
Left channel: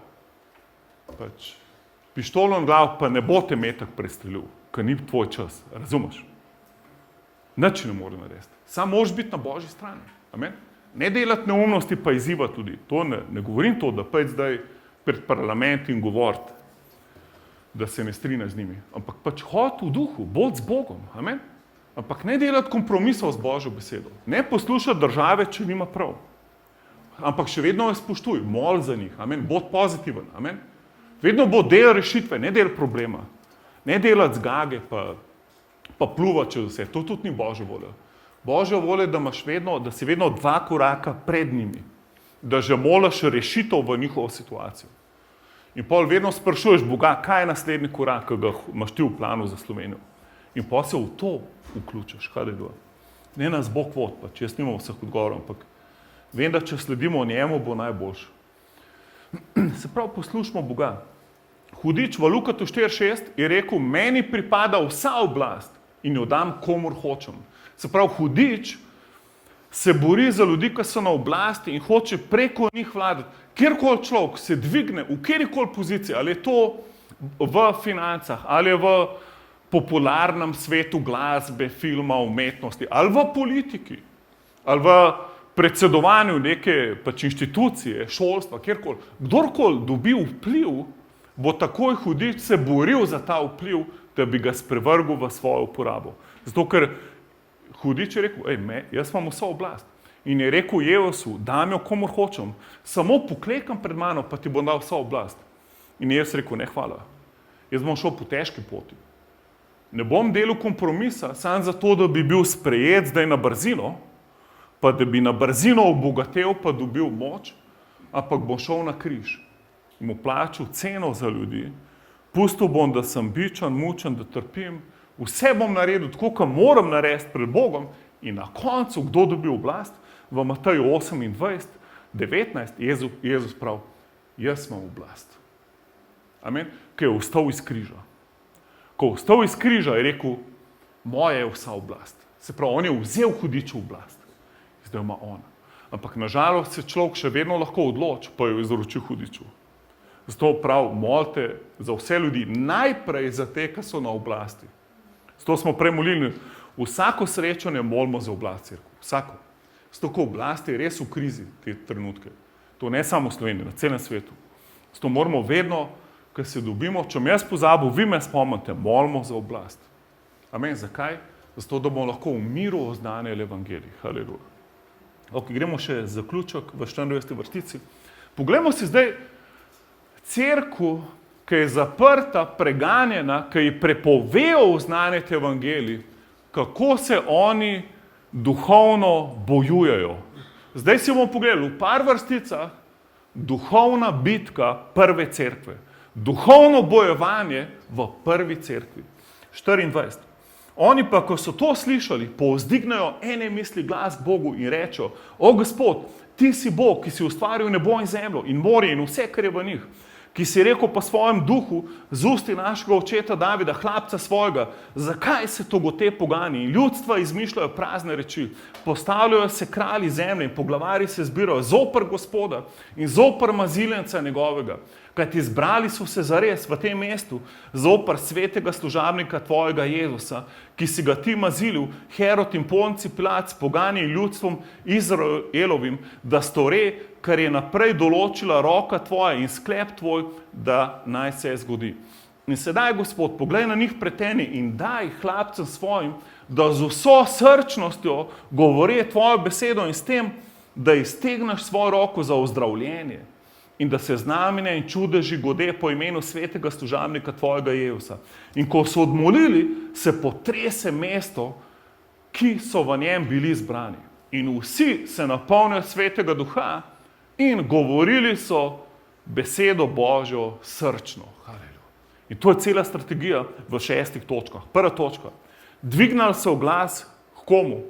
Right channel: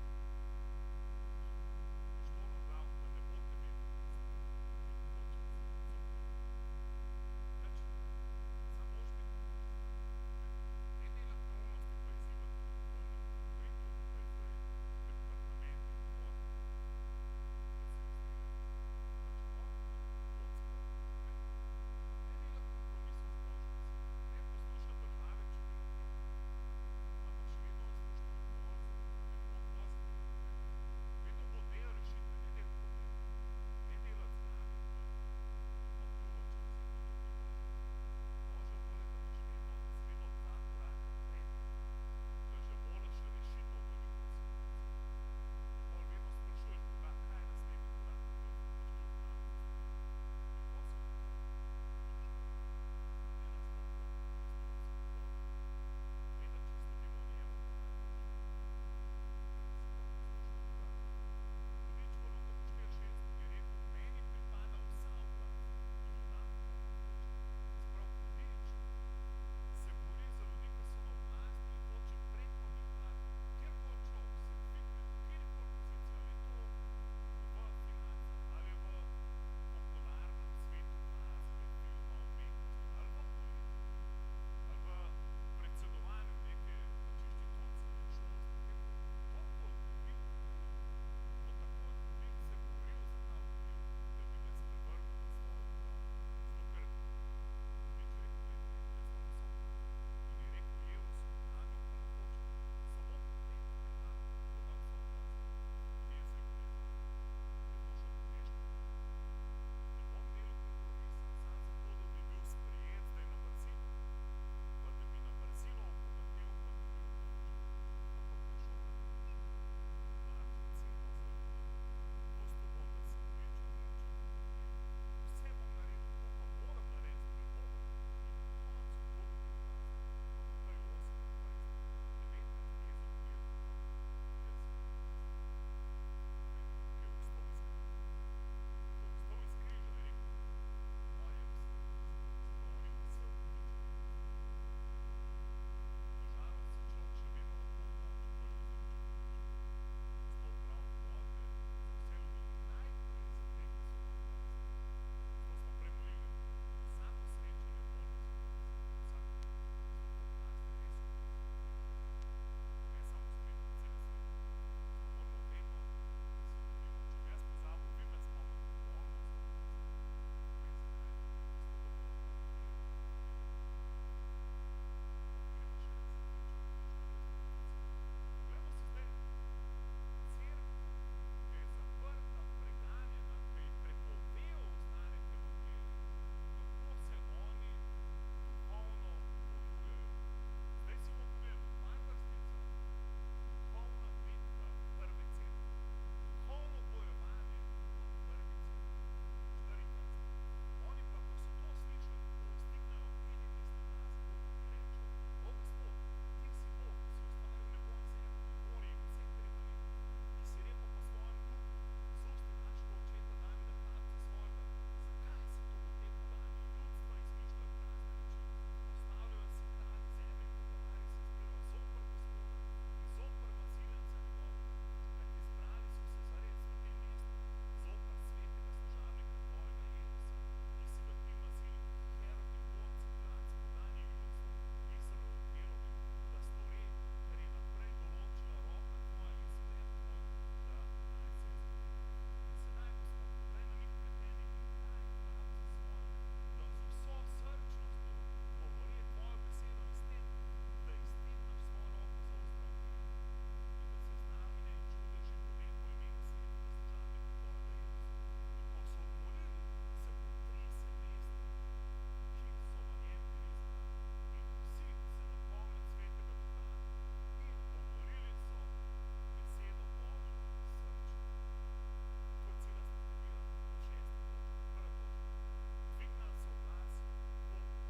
pištolo na glavo, pa ne bo te metak prestrelil, ker ni tvoj čas, razumeš? Nič ne more narediti. Samo moraš biti na Božji strani. Amen? Ne delati neumnosti, pa izzivati tudi. To ne govorim to, da pač zdaj pred parlament in govoriti, da se ne strinja z njimi. Ampak pač hodi v duhu, bod z Bogom. Amen? Ampak ne delati kompromisov z Božjo besedo. Ne poslušati države, če nima prav. Ampak še vedno jo spoštuj, mol za njih. Amen? Bod pozitiven. Amen? Vedno bo del rešitve, ne del problema. Ne delati zgage, pa pluvati čez vse. To tudi ni Božja volja. Božja volja je, da si vedno 2 koraka pred njimi. Da že molaš rešitev v njihovo situacijo. In pol vedno sprašuješ Boga, kaj je naslednji korak, ki ga imaš ti v planu za Slovenijo. In pol se v to vključiš, haleluja. Ne nas Bog vod, pač jaz nimam vseh odgovorov, ampak vem, da če sledimo njemu, bo najboljše. Se pravi, poslušamo Boga. Hudič v Lukatu 4:6 je rekel, meni pripada vsa oblast in jo dam komur hočem. Se pravi, hudič se bori za ljudi, ki so na oblasti in hoče preko njih vladati. Kjerkoli človek se dvigne v kjerkoli poziciji, ali je to v financah, ali je v popularnem svetu glasbe, filma, umetnosti, ali v politiki, ali v predsedovanju neke pač inštitucije, šolstva, kjerkoli. Kdorkoli dobi vpliv, bo takoj hudič se boril za ta vpliv, da bi ga sprevrgel v svojo uporabo. Zato, ker hudič je rekel, jaz imam vso oblast. In je rekel Jezusu, dam jo komur hočem, samo poklekam pred mano, pa ti bom dal vso oblast. In Jezus rekel, ne hvala, jaz bom šel po težki poti. Ne bom delal kompromisa, samo zato, da bi bil sprejet zdaj na brzino, pa da bi na brzino obogatel, pa dobil moč, ampak bom šel na križ. In mu plačal ceno za ljudi, pustil bom, da sem bičan, mučen, da trpim, vse bom naredil tako, kot moram narediti pred Bogom in na koncu, kdo dobi oblast, v Mateju 28, 19, Jezus pravi, jaz imam oblast. Amen? Ko je vstal iz križa. Ko je vstal iz križa, je rekel, moja je vsa oblast. Se pravi, on je vzel hudiču oblast. Zdaj ima on. Ampak nažalost se človek še vedno lahko odloči, pa jo izroči hudiču. Zato prav, molite za vse ljudi, najprej za te, ki so na oblasti. Zato smo prej molili, vsako srečanje molimo za oblast, vsako. Zato, ko oblast je res v krizi te trenutke. To ne samo v Sloveniji, na celem svetu. Zato moramo vedno, ko se dobimo, če me jaz pozabil, vi me spomnite, molimo za oblast. Amen, zakaj? Zato, da bomo lahko v miru oznanjali evangelij. Haleluja. Ok, gremo še zaključek v 24. vrstici. Poglejmo si zdaj cerkev, ki je zaprta, preganjena, ki ji prepovejo oznanjati evangelij, kako se oni duhovno bojujejo. Zdaj si bomo pogledali v par vrsticah duhovna bitka prve cerkve. Duhovno bojevanje v prvi cerkvi. 24. Oni pa, ko so to slišali, povzdignejo ene misli glas Bogu in rečejo, o Gospod, ti si Bog, ki si ustvaril nebo in zemljo in morje in vse, kar je v njih. ki si rekel po svojem duhu, z usti našega očeta Davida, hlapca svojega, zakaj se togote pogani in ljudstva izmišljajo prazne reči, postavljajo se kralji zemlje in poglavari se zbirajo zoper Gospoda in zoper maziljenca njegovega, kajti izbrali so se zares v tem mestu zoper svetega služabnika tvojega Jezusa, ki si ga ti mazilil, Herod in Ponci Pilat s pogani in ljudstvom Izraelovim, da stori, kar je naprej določila roka tvoja in sklep tvoj, da naj se zgodi. In sedaj, Gospod, poglej na njih preteni in daj hlapcem svojim, da z vso srčnostjo govori tvojo besedo in s tem, da iztegneš svojo roko za ozdravljenje in da se znamenja in čudeži gode po imenu svetega služabnika tvojega Jezusa. In ko so odmolili, se potrese mesto, ki so v njem bili zbrani. In vsi se napolnijo svetega duha in govorili so besedo Božjo srčno. Haleluja. In to je cela strategija v 6 točkah. Prva točka. Dvignali so glas k komu?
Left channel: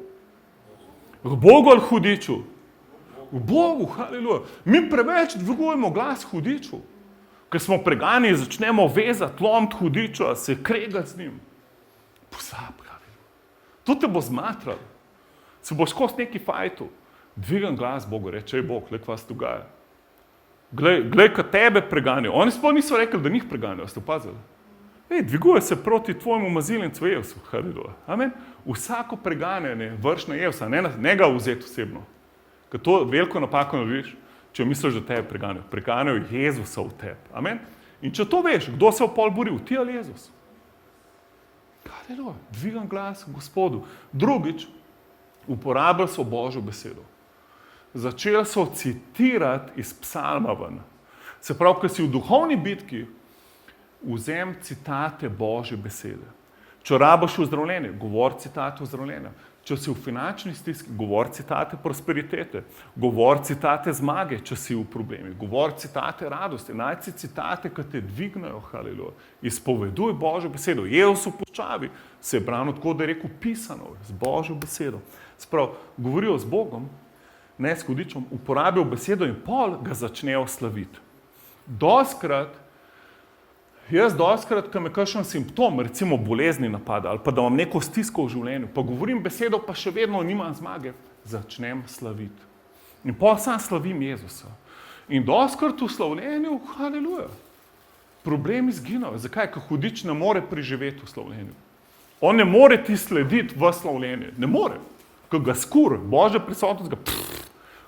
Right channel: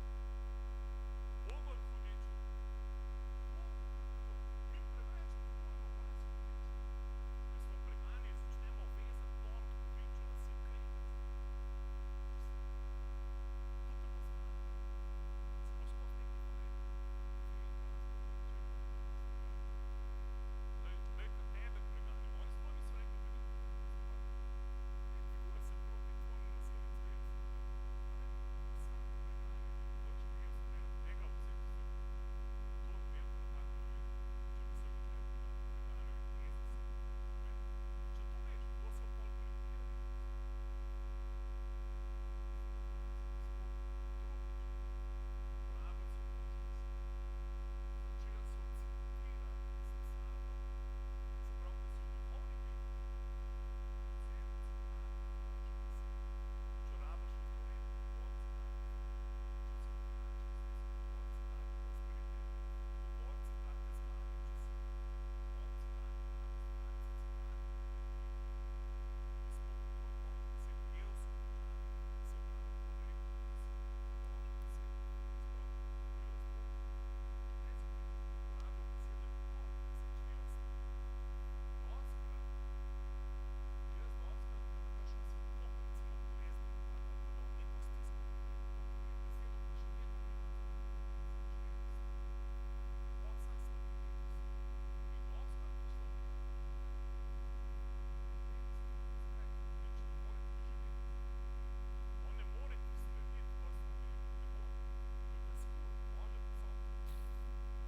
K Bogu ali hudiču? K Bogu, haleluja. Mi preveč dvigujemo glas hudiču, ker smo pregani in začnemo vezati, lomiti hudiča, se kregati z njim. Pozabi, haleluja. To te bo zmatralo. Se boš skozi neki fajtu. Dvigam glas Bogu, reče, Bog, glej, kaj se dogaja. Glej, kaj tebe preganjajo. Oni sploh niso rekli, da njih preganjajo, ste opazili? Dviguje se proti tvojemu maziljencu Jezusu, haleluja. Amen. Vsako preganjanje vrš na Jezusa, ne ga vzeti osebno. Ker to veliko napako narediš, če misliš, da tebe preganjajo. Preganjajo Jezusa v tebi. Amen. In če to veš, kdo se v pol boril, ti ali Jezus? Haleluja. Dvigam glas Gospodu. Drugič, uporabljali so Božjo besedo. Začeli so citirati iz psalma ven. Se pravi, ko si v duhovni bitki, vzem citate Božje besede. Če rabiš ozdravljenje, govor citate ozdravljenja. Če si v finančni stiski, govor citate prosperitete. Govor citate zmage, če si v problemi. Govor citate radosti. Najci citate, ki te dvignajo, haleluja. Izpoveduj Božjo besedo. Jezus v puščavi se je branil tako, da je rekel pisano, z Božjo besedo. Sprav, govorijo z Bogom, ne s hudičem, uporabijo besedo in pol ga začnejo slaviti. Doskrat, ko me kakšen simptom, recimo bolezni napada, ali pa da imam neko stisko v življenju, pa govorim besedo, pa še vedno nimam zmage, začnem slaviti. In pol sam slavim Jezusa. In doskrat v slavljenju, haleluja, problemi izginajo. Zakaj? Ker hudič ne more preživeti v slavljenju. On ne more ti slediti v slavljenje. Ne more. Ko ga skur, Božja prisotnost ga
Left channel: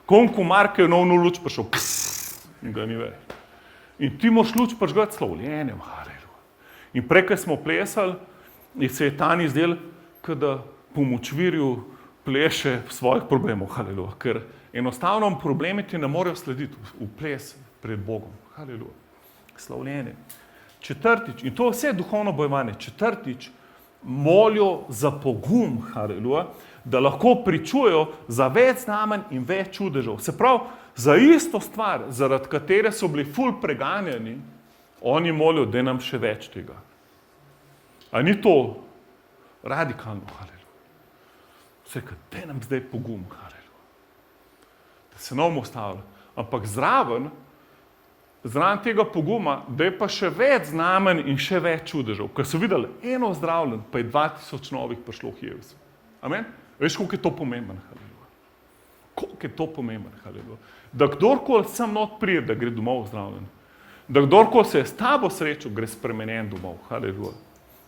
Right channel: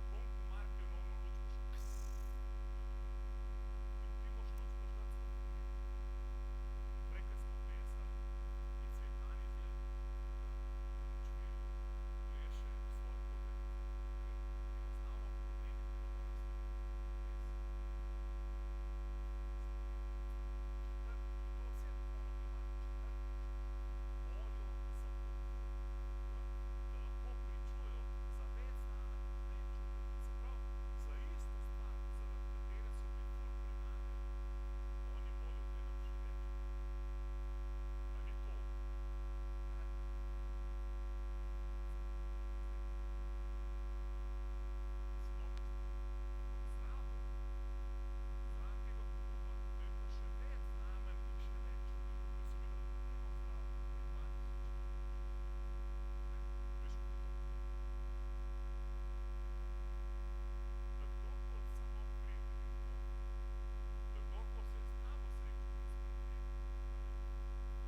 komar, ki je novno luč prišel, in ga ni več. In ti moš luč prižgati slavljenjem, haleluja. In prej, ko smo plesali, se je Tani zdel, da po močvirju pleše svojih problemov, haleluja. Ker enostavno problemi ti ne morejo slediti v ples pred Bogom, haleluja. Slavljenje. Četrtič, in to vse duhovno bojevanje, četrtič, molijo za pogum, haleluja, da lahko pričujejo za več znamenj in več čudežev. Se pravi, za isto stvar, zaradi katere so bili ful preganjani, oni molijo, da nam še več tega. A ni to radikalno, haleluja? Vse, da nam zdaj pogum, haleluja. Da se ne bomo ustavili. Ampak zraven tega poguma, da je pa še več znamenj in še več čudežev. Ker so videli eno zdravljen, pa je 2000 novih prišlo k Jezusu. Amen? Veš, koliko je to pomembno, haleluja. Koliko je to pomembno, haleluja. Da kdorkoli sem not prije, da gre domov zdravljen. Da kdorkoli se je s tabo srečo, gre spremenjen domov, haleluja.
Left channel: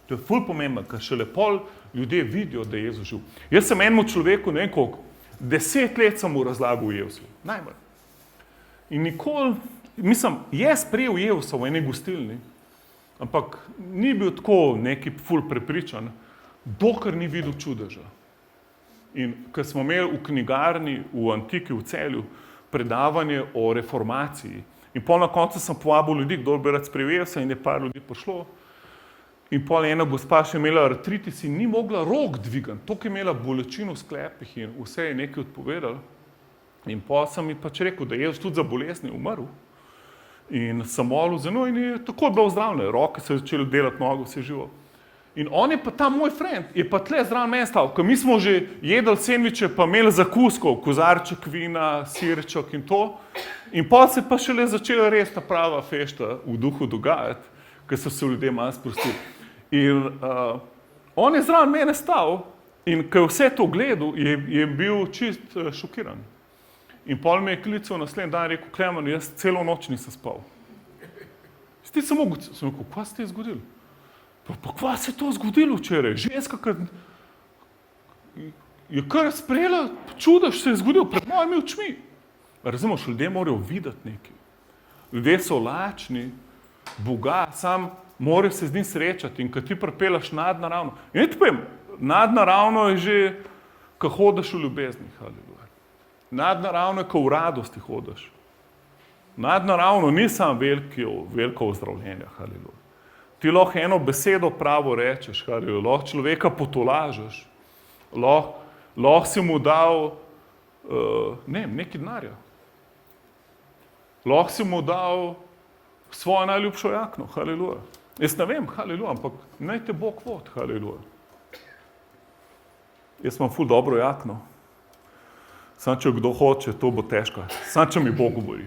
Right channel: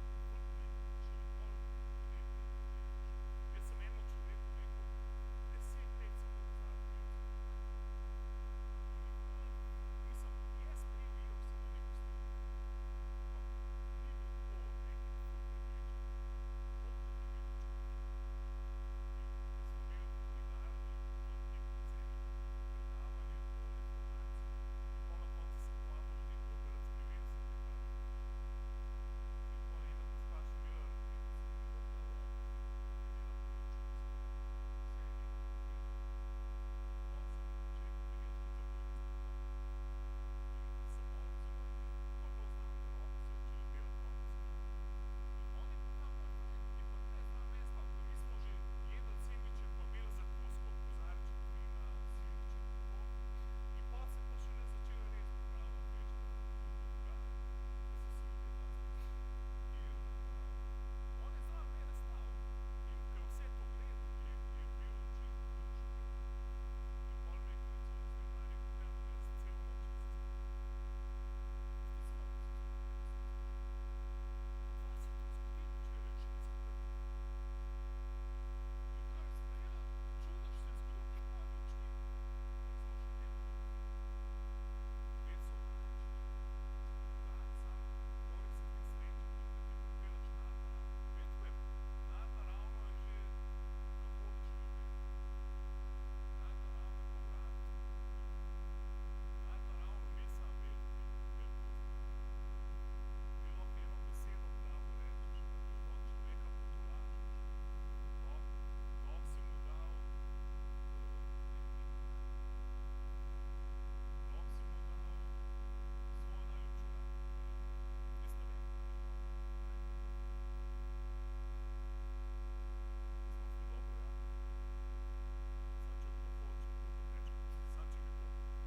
To je ful pomembno, ker šele pol ljudje vidijo, da je Jezus živ. Jaz sem enemu človeku, ne vem koliko, 10 let sem mu razlagal Jezusu, najmanj. In nikoli, mislim, je sprejel Jezusa v eni gostilni, ampak ni bil tako neki ful prepričan, dokler ni videl čudeža. In ko smo imeli v knjigarni v Antiki v Celju predavanje o reformaciji in pol na koncu sem povabil ljudi, kdo bi rad sprejel Jezusa in je par ljudi prišlo. In pol ena gospa še imela artritis in ni mogla rok dvigati, toliko je imela bolečino v sklepih in vse je nekaj odpovedal. In pol sem mi pač rekel, da je Jezus tudi za bolezni umrl. In sem molil za njo in je tako bilo zdravljeno. Roke se začeli delati, noge vse živo. In on je pa ta moj friend, je pa tle zraven meni stal, ko mi smo že jedli sendviče, pa imeli zakuskov, kozarček vina, sirček in to. In potem se pa šele začela res ta prava fešta v duhu dogajati, ker so se ljudje malo sprostili. In on je zraven mene stal in ko je vse to gledal, je bil čist šokiran. In potem me je klical naslednji dan in rekel, Klemen, jaz celo noč nisem spal. Ti sem rekel, kva se je zgodilo? Pa kva se je to zgodilo včeraj? Ženska, ki je kar sprejela čudež, se je zgodilo pred mojimi očmi. Razumeš, ljudje morajo videti nekaj. Ljudje so lačni, Boga, sam morajo se z njim srečati in ko ti pripeljaš nadnaravno. In ne ti povem, nadnaravno je že, ko hodiš v ljubezni, haleluja. Nadnaravno je, ko v radosti hodiš. Nadnaravno ni samo veliko ozdravljenja, haleluja. Ti lahko eno besedo pravo rečeš, haleluja, lahko človeka potolažeš, lahko si mu dal nekaj denarja. Lahko si mu dal svojo najljubšo jakno, haleluja. Jaz ne vem, haleluja, ampak naj te Bog vodi, haleluja. Jaz imam ful dobro jakno. Samo če kdo hoče, to bo težko. Samo če mi Bog govori.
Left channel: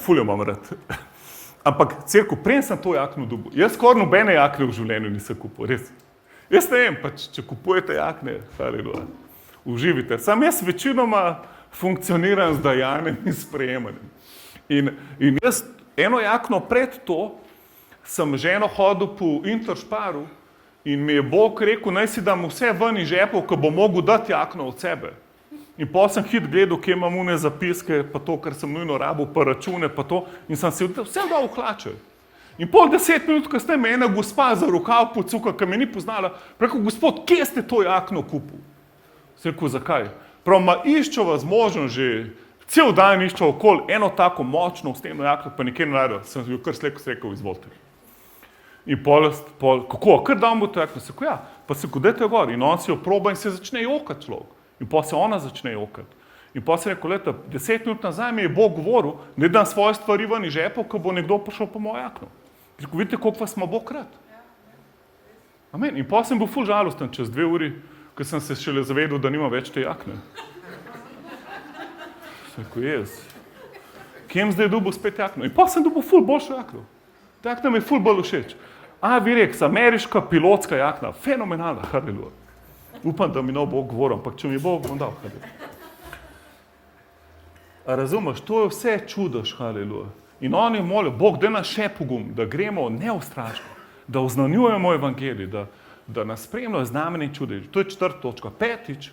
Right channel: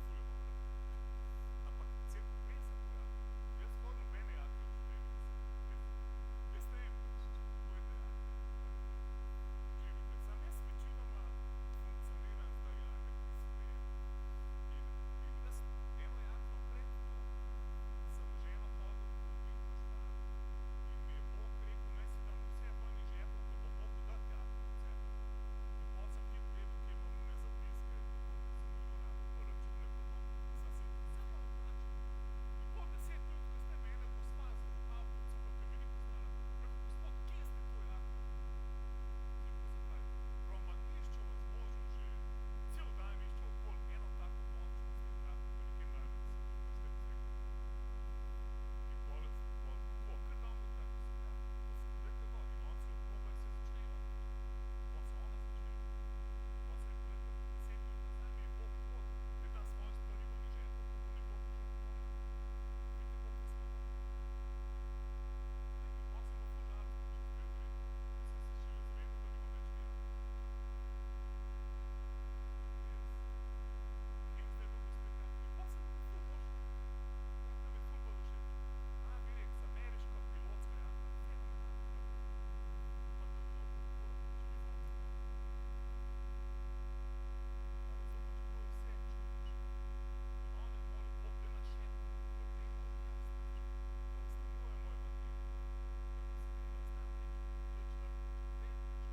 Ful jo imam rad. Ampak, cerko, prej sem to jakno dobil. Jaz skoraj nobene jakne v življenju nisem kupil, res. Jaz ne vem, pač, če kupujete jakne, haleluja, uživite. Sam jaz večinoma funkcioniram z dajanjem in sprejemanjem. In jaz eno jakno pred to sem ženo hodil po Intersparu in mi je Bog rekel, naj si dam vse ven iz žepov, ko bo mogel dati jakno od sebe. In potem sem hit gledal, kje imam une zapiske, pa to, kar sem nujno rabil, pa račune, pa to, in sem si vse dal v hlače. In pol 10 minut kasneje me ena gospa za rokav pocuka, ki me ni poznala, rekel, gospod, kje ste to jakno kupil? Sem rekel, zakaj? Prav, iščo vas možno že, cel dan iščo okoli eno tako močno steno jakno, pa nikjer ne najdel. Sem jo kar sleko rekel, izvolite. In pol, kako, kar dam bo to jakno? Sem rekel, ja, pa se kodete gor. In on si jo proba in se začne jokati človek. In potem se ona začne jokati. In potem se je rekel, leta, 10 minut nazaj mi je Bog govoril, da dam svoje stvari ven iz žepov, ko bo nekdo prišel po mojo jakno. Rekel, vidite, koliko vas ima Bog rad. Amen. In potem sem bil ful žalosten čez 2 uri, ko sem se šele zavedel, da nima več te jakne. Sem rekel, jaz, kjem zdaj dobil spet jakno? In potem sem dobil ful boljšo jakno. Ta jakna mi je ful bolj všeč. Virex, ameriška pilotska jakna, fenomenalna, haleluja. Upam, da mi ne bo govoril, ampak če mi bo, bom dal, haleluja. A razumeš, to je vse čudež, haleluja. In oni molijo, Bog, daj nas še pogum, da gremo neustrašno, da oznanjujemo evangelij, da nas spremljajo znamenja in čudež. To je 4. točka. 5.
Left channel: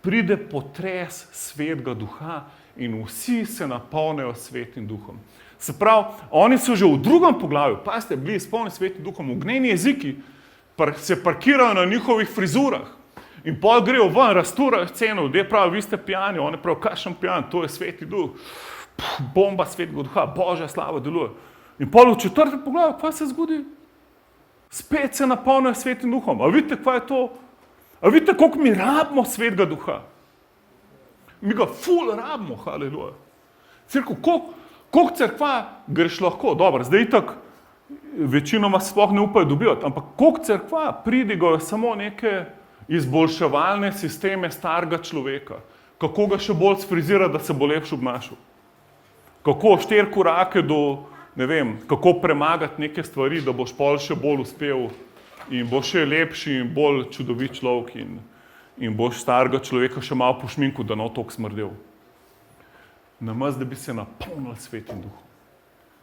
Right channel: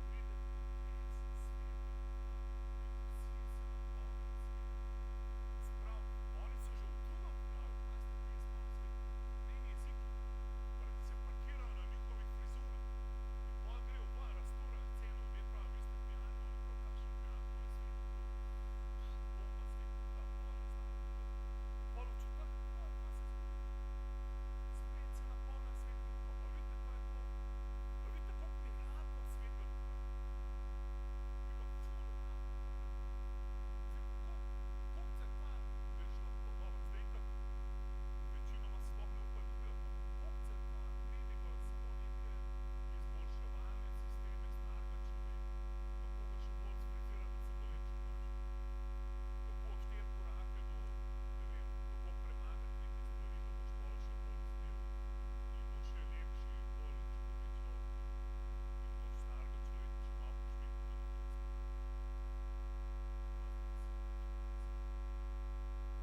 Pride potres Svetega Duha in vsi se napolnijo Svetim Duhom. Se pravi, oni so že v 2. poglavju, pa ste bili izpolnjeni Svetim Duhom, ognjeni jeziki se parkirajo na njihovih frizurah. In pol grejo ven, rasturajo sceno, ljudje pravijo, vi ste pijani, oni pravijo, kakšen pijan, to je Sveti Duh, bomba Svetega Duha, Božja slava deluje. In pol v 4. poglavju, kaj se zgodi? Spet se napolnijo Svetim Duhom. A vidite, kaj je to? A vidite, koliko mi rabimo Svetega Duha? Mi ga ful rabimo, haleluja. Cerkev, koliko cerkva greš lahko? Dobro, zdaj itak večinoma sploh ne upajo dobivati, ampak koliko cerkva pridigajo samo neke izboljševalne sisteme starega človeka, kako ga še bolj sfrizirati, da se bo lepše obnašal. Kako 4 korake do, ne vem, kako premagati neke stvari, da boš pol še bolj uspel in boš še lepši in bolj čudovit človek in boš starega človeka še malo pošminku, da ne bo toliko smrdel. Namesto, da bi se napolnili Svetim Duhom.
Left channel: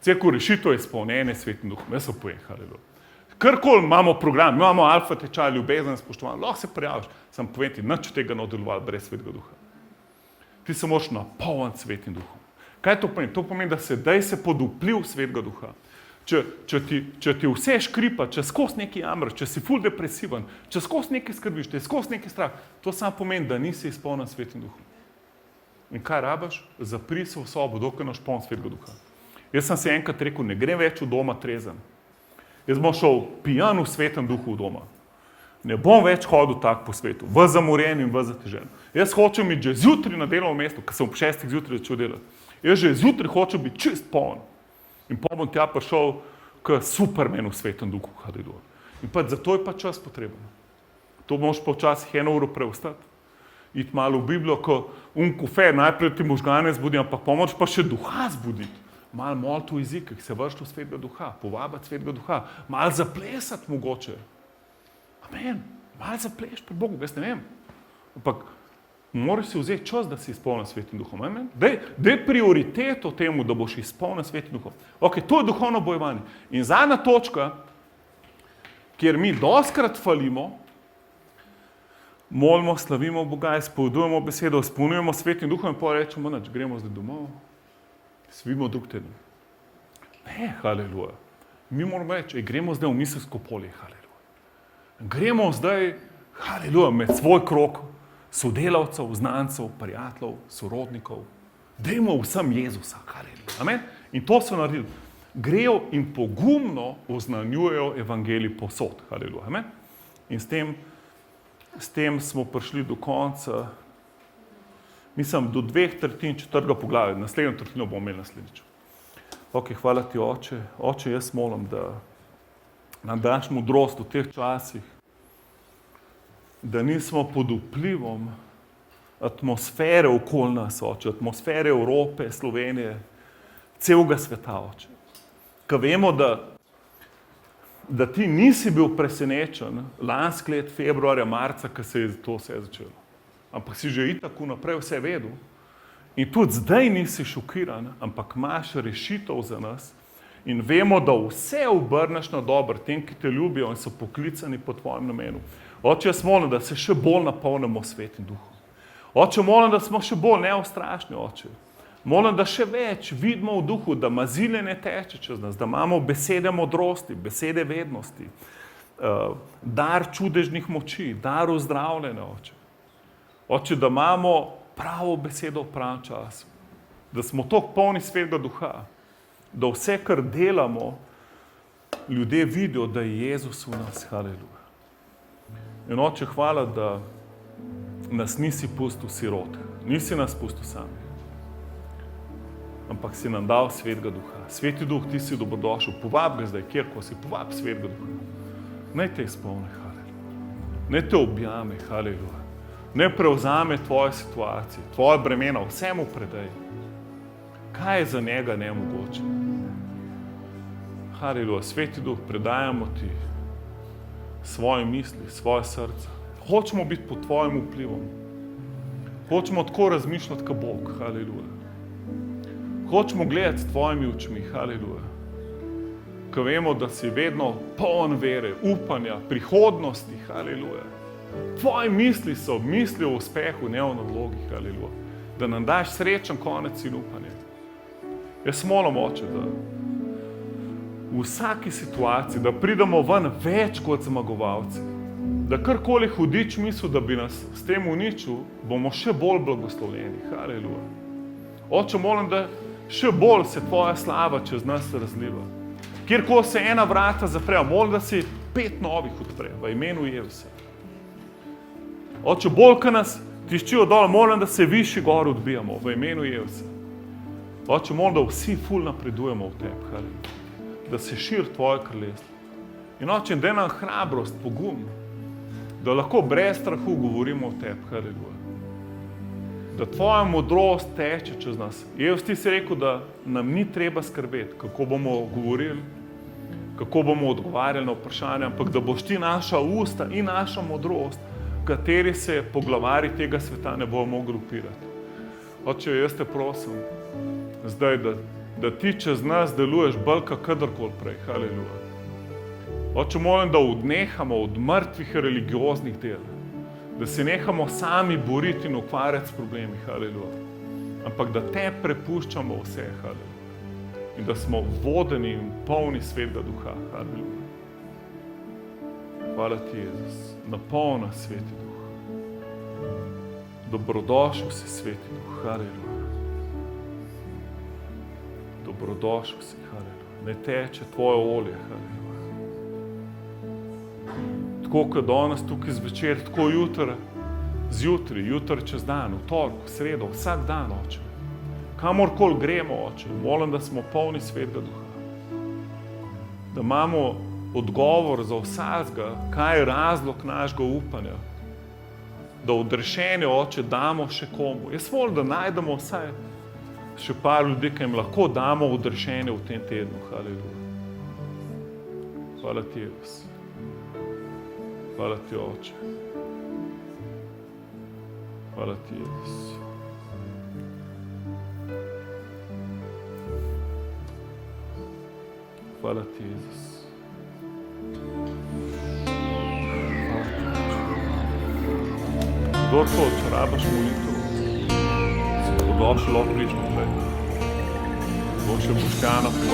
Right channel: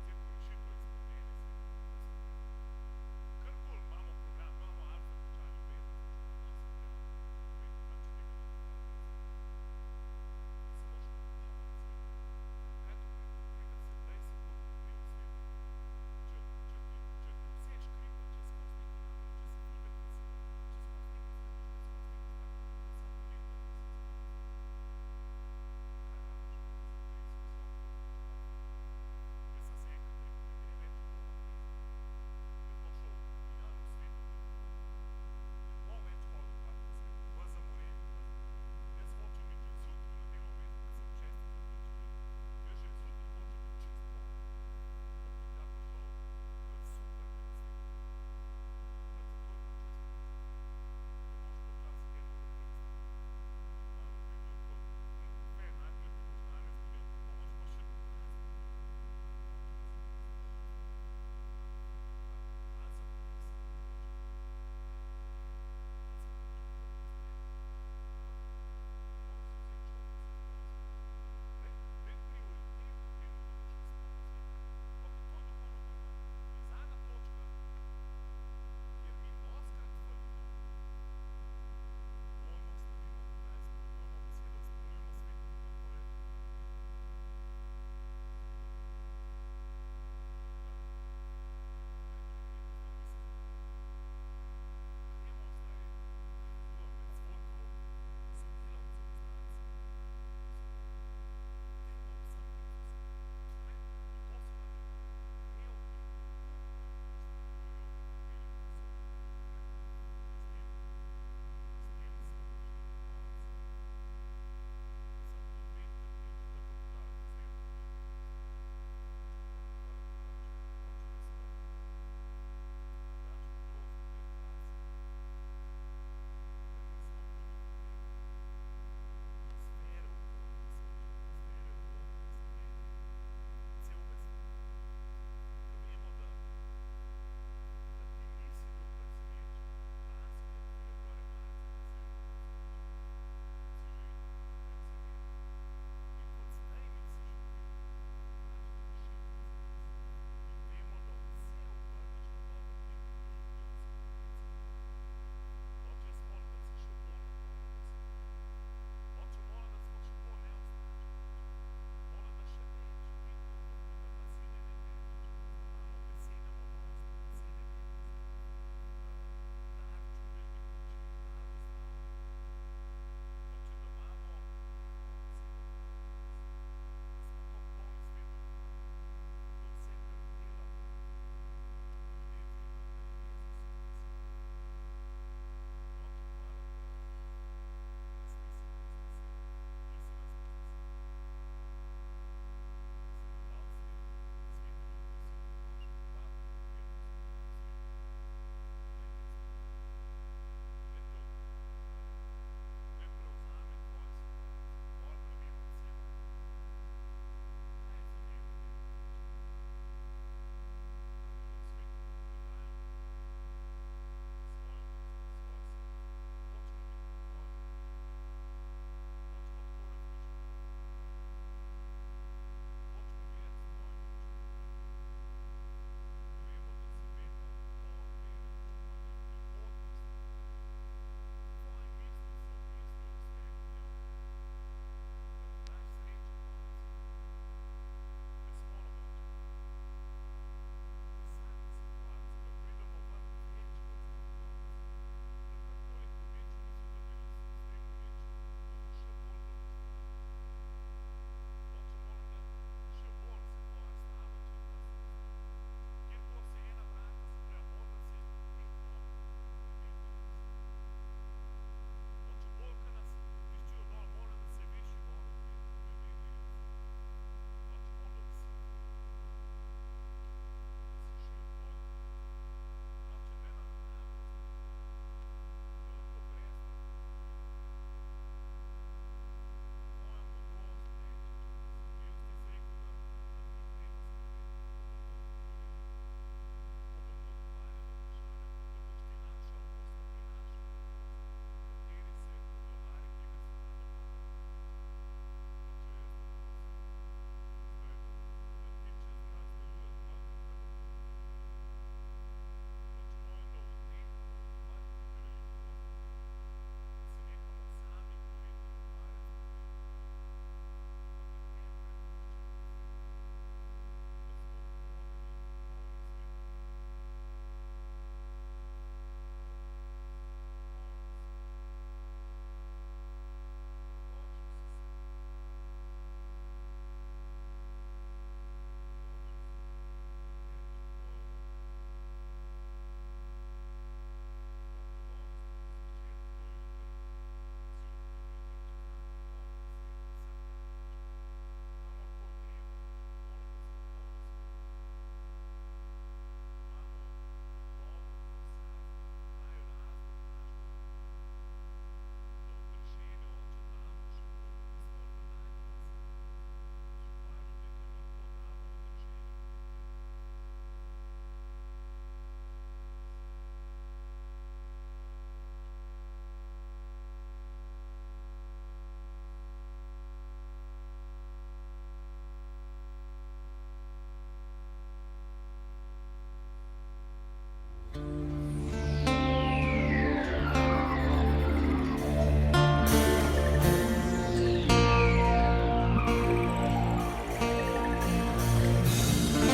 Cerkev, rešitev je izpolnjenje Svetim Duhom. Jaz se povem, haleluja. Karkoli imamo program, imamo alfa tečaj, ljubezen, spoštovanje, lahko se prijaviš, sam povem ti, nič od tega ne delovalo brez Svetega Duha. Ti se moraš napolniti Svetim Duhom. Kaj to pomeni? To pomeni, da daj se pod vpliv Svetega Duha. Če ti vse škripa, če skozi nekaj jamraš, če si ful depresiven, če skozi nekaj skrbiš, če skozi nekaj strah, to samo pomeni, da nisi izpolnjen Svetim Duhom. In kaj rabaš? Zapri se v sobo, dokler ne poln Svetega Duha. Jaz sem si enkrat rekel, ne grem več v doma trezen. Jaz bom šel pijan v Svetem Duhu v doma. Ne bom več hodil tak po svetu, v zamorjen in v zatežen. Jaz hočem iti že zjutraj na delovno mesto, ker sem ob 6. zjutraj začel delati. Jaz že zjutraj hočem biti čist poln. In potem bom tja prišel k Supermanu v Svetem Duhu, haleluja. In pa zato je pa čas potreben. To moš pa včasih 1 uro preostati, iti malo v Biblijo, ko kofe, najprej ti možgane zbudi, ampak pomoč pa še duha zbuditi. Malo moliti v jezikih, se vršiti v svetega duha, povabiti svetega duha, malo zaplesati mogoče. Amen, malo zapleš pred Bogom, jaz ne vem. Ampak moraš si vzeti čas, da si izpolnjen svetim duhom. Amen. Daj prioriteto temu, da boš izpolnjen svetim duhom. Ok, to je duhovno bojevanje. In zadnja točka, kjer mi dostkrat falimo, molimo, slavimo Boga, izpovedujemo besedo, izpolnjujemo svetim duhom in pa rečemo, nič, gremo zdaj domov, svimo drug teden. Ne, haleluja. Mi moramo reči, gremo zdaj v miselsko polje, haleluja. Gremo zdaj, haleluja, med svoj krog sodelavcev, znancev, prijateljev, sorodnikov. Dajmo vsem Jezusa, haleluja. Amen. In to so naredili. Grejo in pogumno oznanjujejo evangelij povsod, haleluja. Amen. In s tem smo prišli do konca, mislim, do 2/3 4. poglavja. Naslednjo tretjino bomo imeli naslednjič. Ok, hvala ti, Oče. Oče, jaz molim, da nam daš modrost v teh časih, da nismo pod vplivom atmosfere okoli nas, Oče, atmosfere Evrope, Slovenije, celega sveta, Oče. Ko vemo, da ti nisi bil presenečen lansko let, februarja, marca, ko se je to vse začelo. Ampak si že itak vnaprej vse vedel. In tudi zdaj nisi šokiran, ampak imaš rešitev za nas. In vemo, da vse obrneš na dobro tem, ki te ljubijo in so poklicani po tvojem namenu. Oče, jaz molim, da se še bolj napolnimo svetim duhom. Oče, molim, da smo še bolj neustrašni, Oče. Molim, da še več vidimo v duhu, da mazile ne teče čez nas, da imamo besede modrosti, besede vednosti, dar čudežnih moči, dar ozdravljene, Oče. Oče, da imamo pravo besedo v pravem času, da smo toliko polni svetega duha, da vse, kar delamo, ljudje vidijo, da je Jezus v nas, haleluja. In Oče, hvala, da nas nisi pustil sirote, nisi nas pustil sami, ampak si nam dal svetega duha. Sveti duh, ti si dobrodošel, povab ga zdaj, kjerko si, povab svetega duha. Naj te izpolni, haleluja. Naj te objame, haleluja. Naj prevzame tvoje situacije, tvoje bremena, vsemu predaj. Kaj je za njega nemogoče? Haleluja, sveti duh, predajamo ti svoje misli, svoje srce. Hočemo biti pod tvojim vplivom. Hočemo tako razmišljati kot Bog, haleluja. Hočemo gledati s tvojimi očmi, haleluja. Ko vemo, da si vedno poln vere, upanja, prihodnosti, haleluja. Tvoje misli so misli o uspehu, ne o nalogi, haleluja. Da nam daš srečen konec in upanje. Jaz molim, Oče, da v vsaki situaciji, da pridemo ven več kot zmagovalci. Da karkoli hudič misli, da bi nas s tem uničil, bomo še bolj blagoslovljeni, haleluja. Oče, molim, da še bolj se tvoja slava čez nas razliva. Kjerkoli se ena vrata zapre, molim, da si 5 novih odpre, v imenu Jezusa. Oče, bolj, ko nas tiščijo dol, molim, da se višji gor odbijamo, v imenu Jezusa. Oče, molim, da vsi ful napredujemo v tebi, haleluja. Da se širi tvoje kraljestvo. In Oče, daj nam hrabrost, pogum, da lahko brez strahu govorimo o tebi, haleluja. Da tvoja modrost teče čez nas. Jezus, ti si rekel, da nam ni treba skrbeti, kako bomo govorili, kako bomo odgovarjali na vprašanja, ampak da boš ti naša usta in naša modrost, kateri se poglavari tega sveta ne bomo mogli upirati. Oče, jaz te prosim, zdaj, da ti čez nas deluješ bolj kot kadarkoli prej, haleluja. Oče, molim, da odnehamo od mrtvih religioznih del, da se nehamo sami boriti in ukvarjati s problemi, haleluja. Ampak da te prepuščamo vse, haleluja. In da smo vodeni in polni svetega duha, haleluja. Hvala ti, Jezus, napolni sveti duh. Dobrodošel si, sveti duh, haleluja. Dobrodošel si, haleluja. Ne teče tvoje olje, haleluja. Tako kot danes tukaj zvečer, tako zjutraj, jutri čez dan, v torek, v sredo, vsak dan, Oče. Kamorkoli gremo, Oče, molim, da smo polni svetega duha. Da imamo odgovor za vsakega, kaj je razlog našega upanja. Da odrešenje, Oče, damo še komu. Jaz volim, da najdemo vsaj še par ljudi, ki jim lahko damo odrešenje v tem tednu. Haleluja. Hvala ti, Jezus. Hvala ti, Oče. Hvala ti, Jezus. Hvala ti, Jezus. Kdor to uporabiš, došlo, prišlo. Boš še poskana.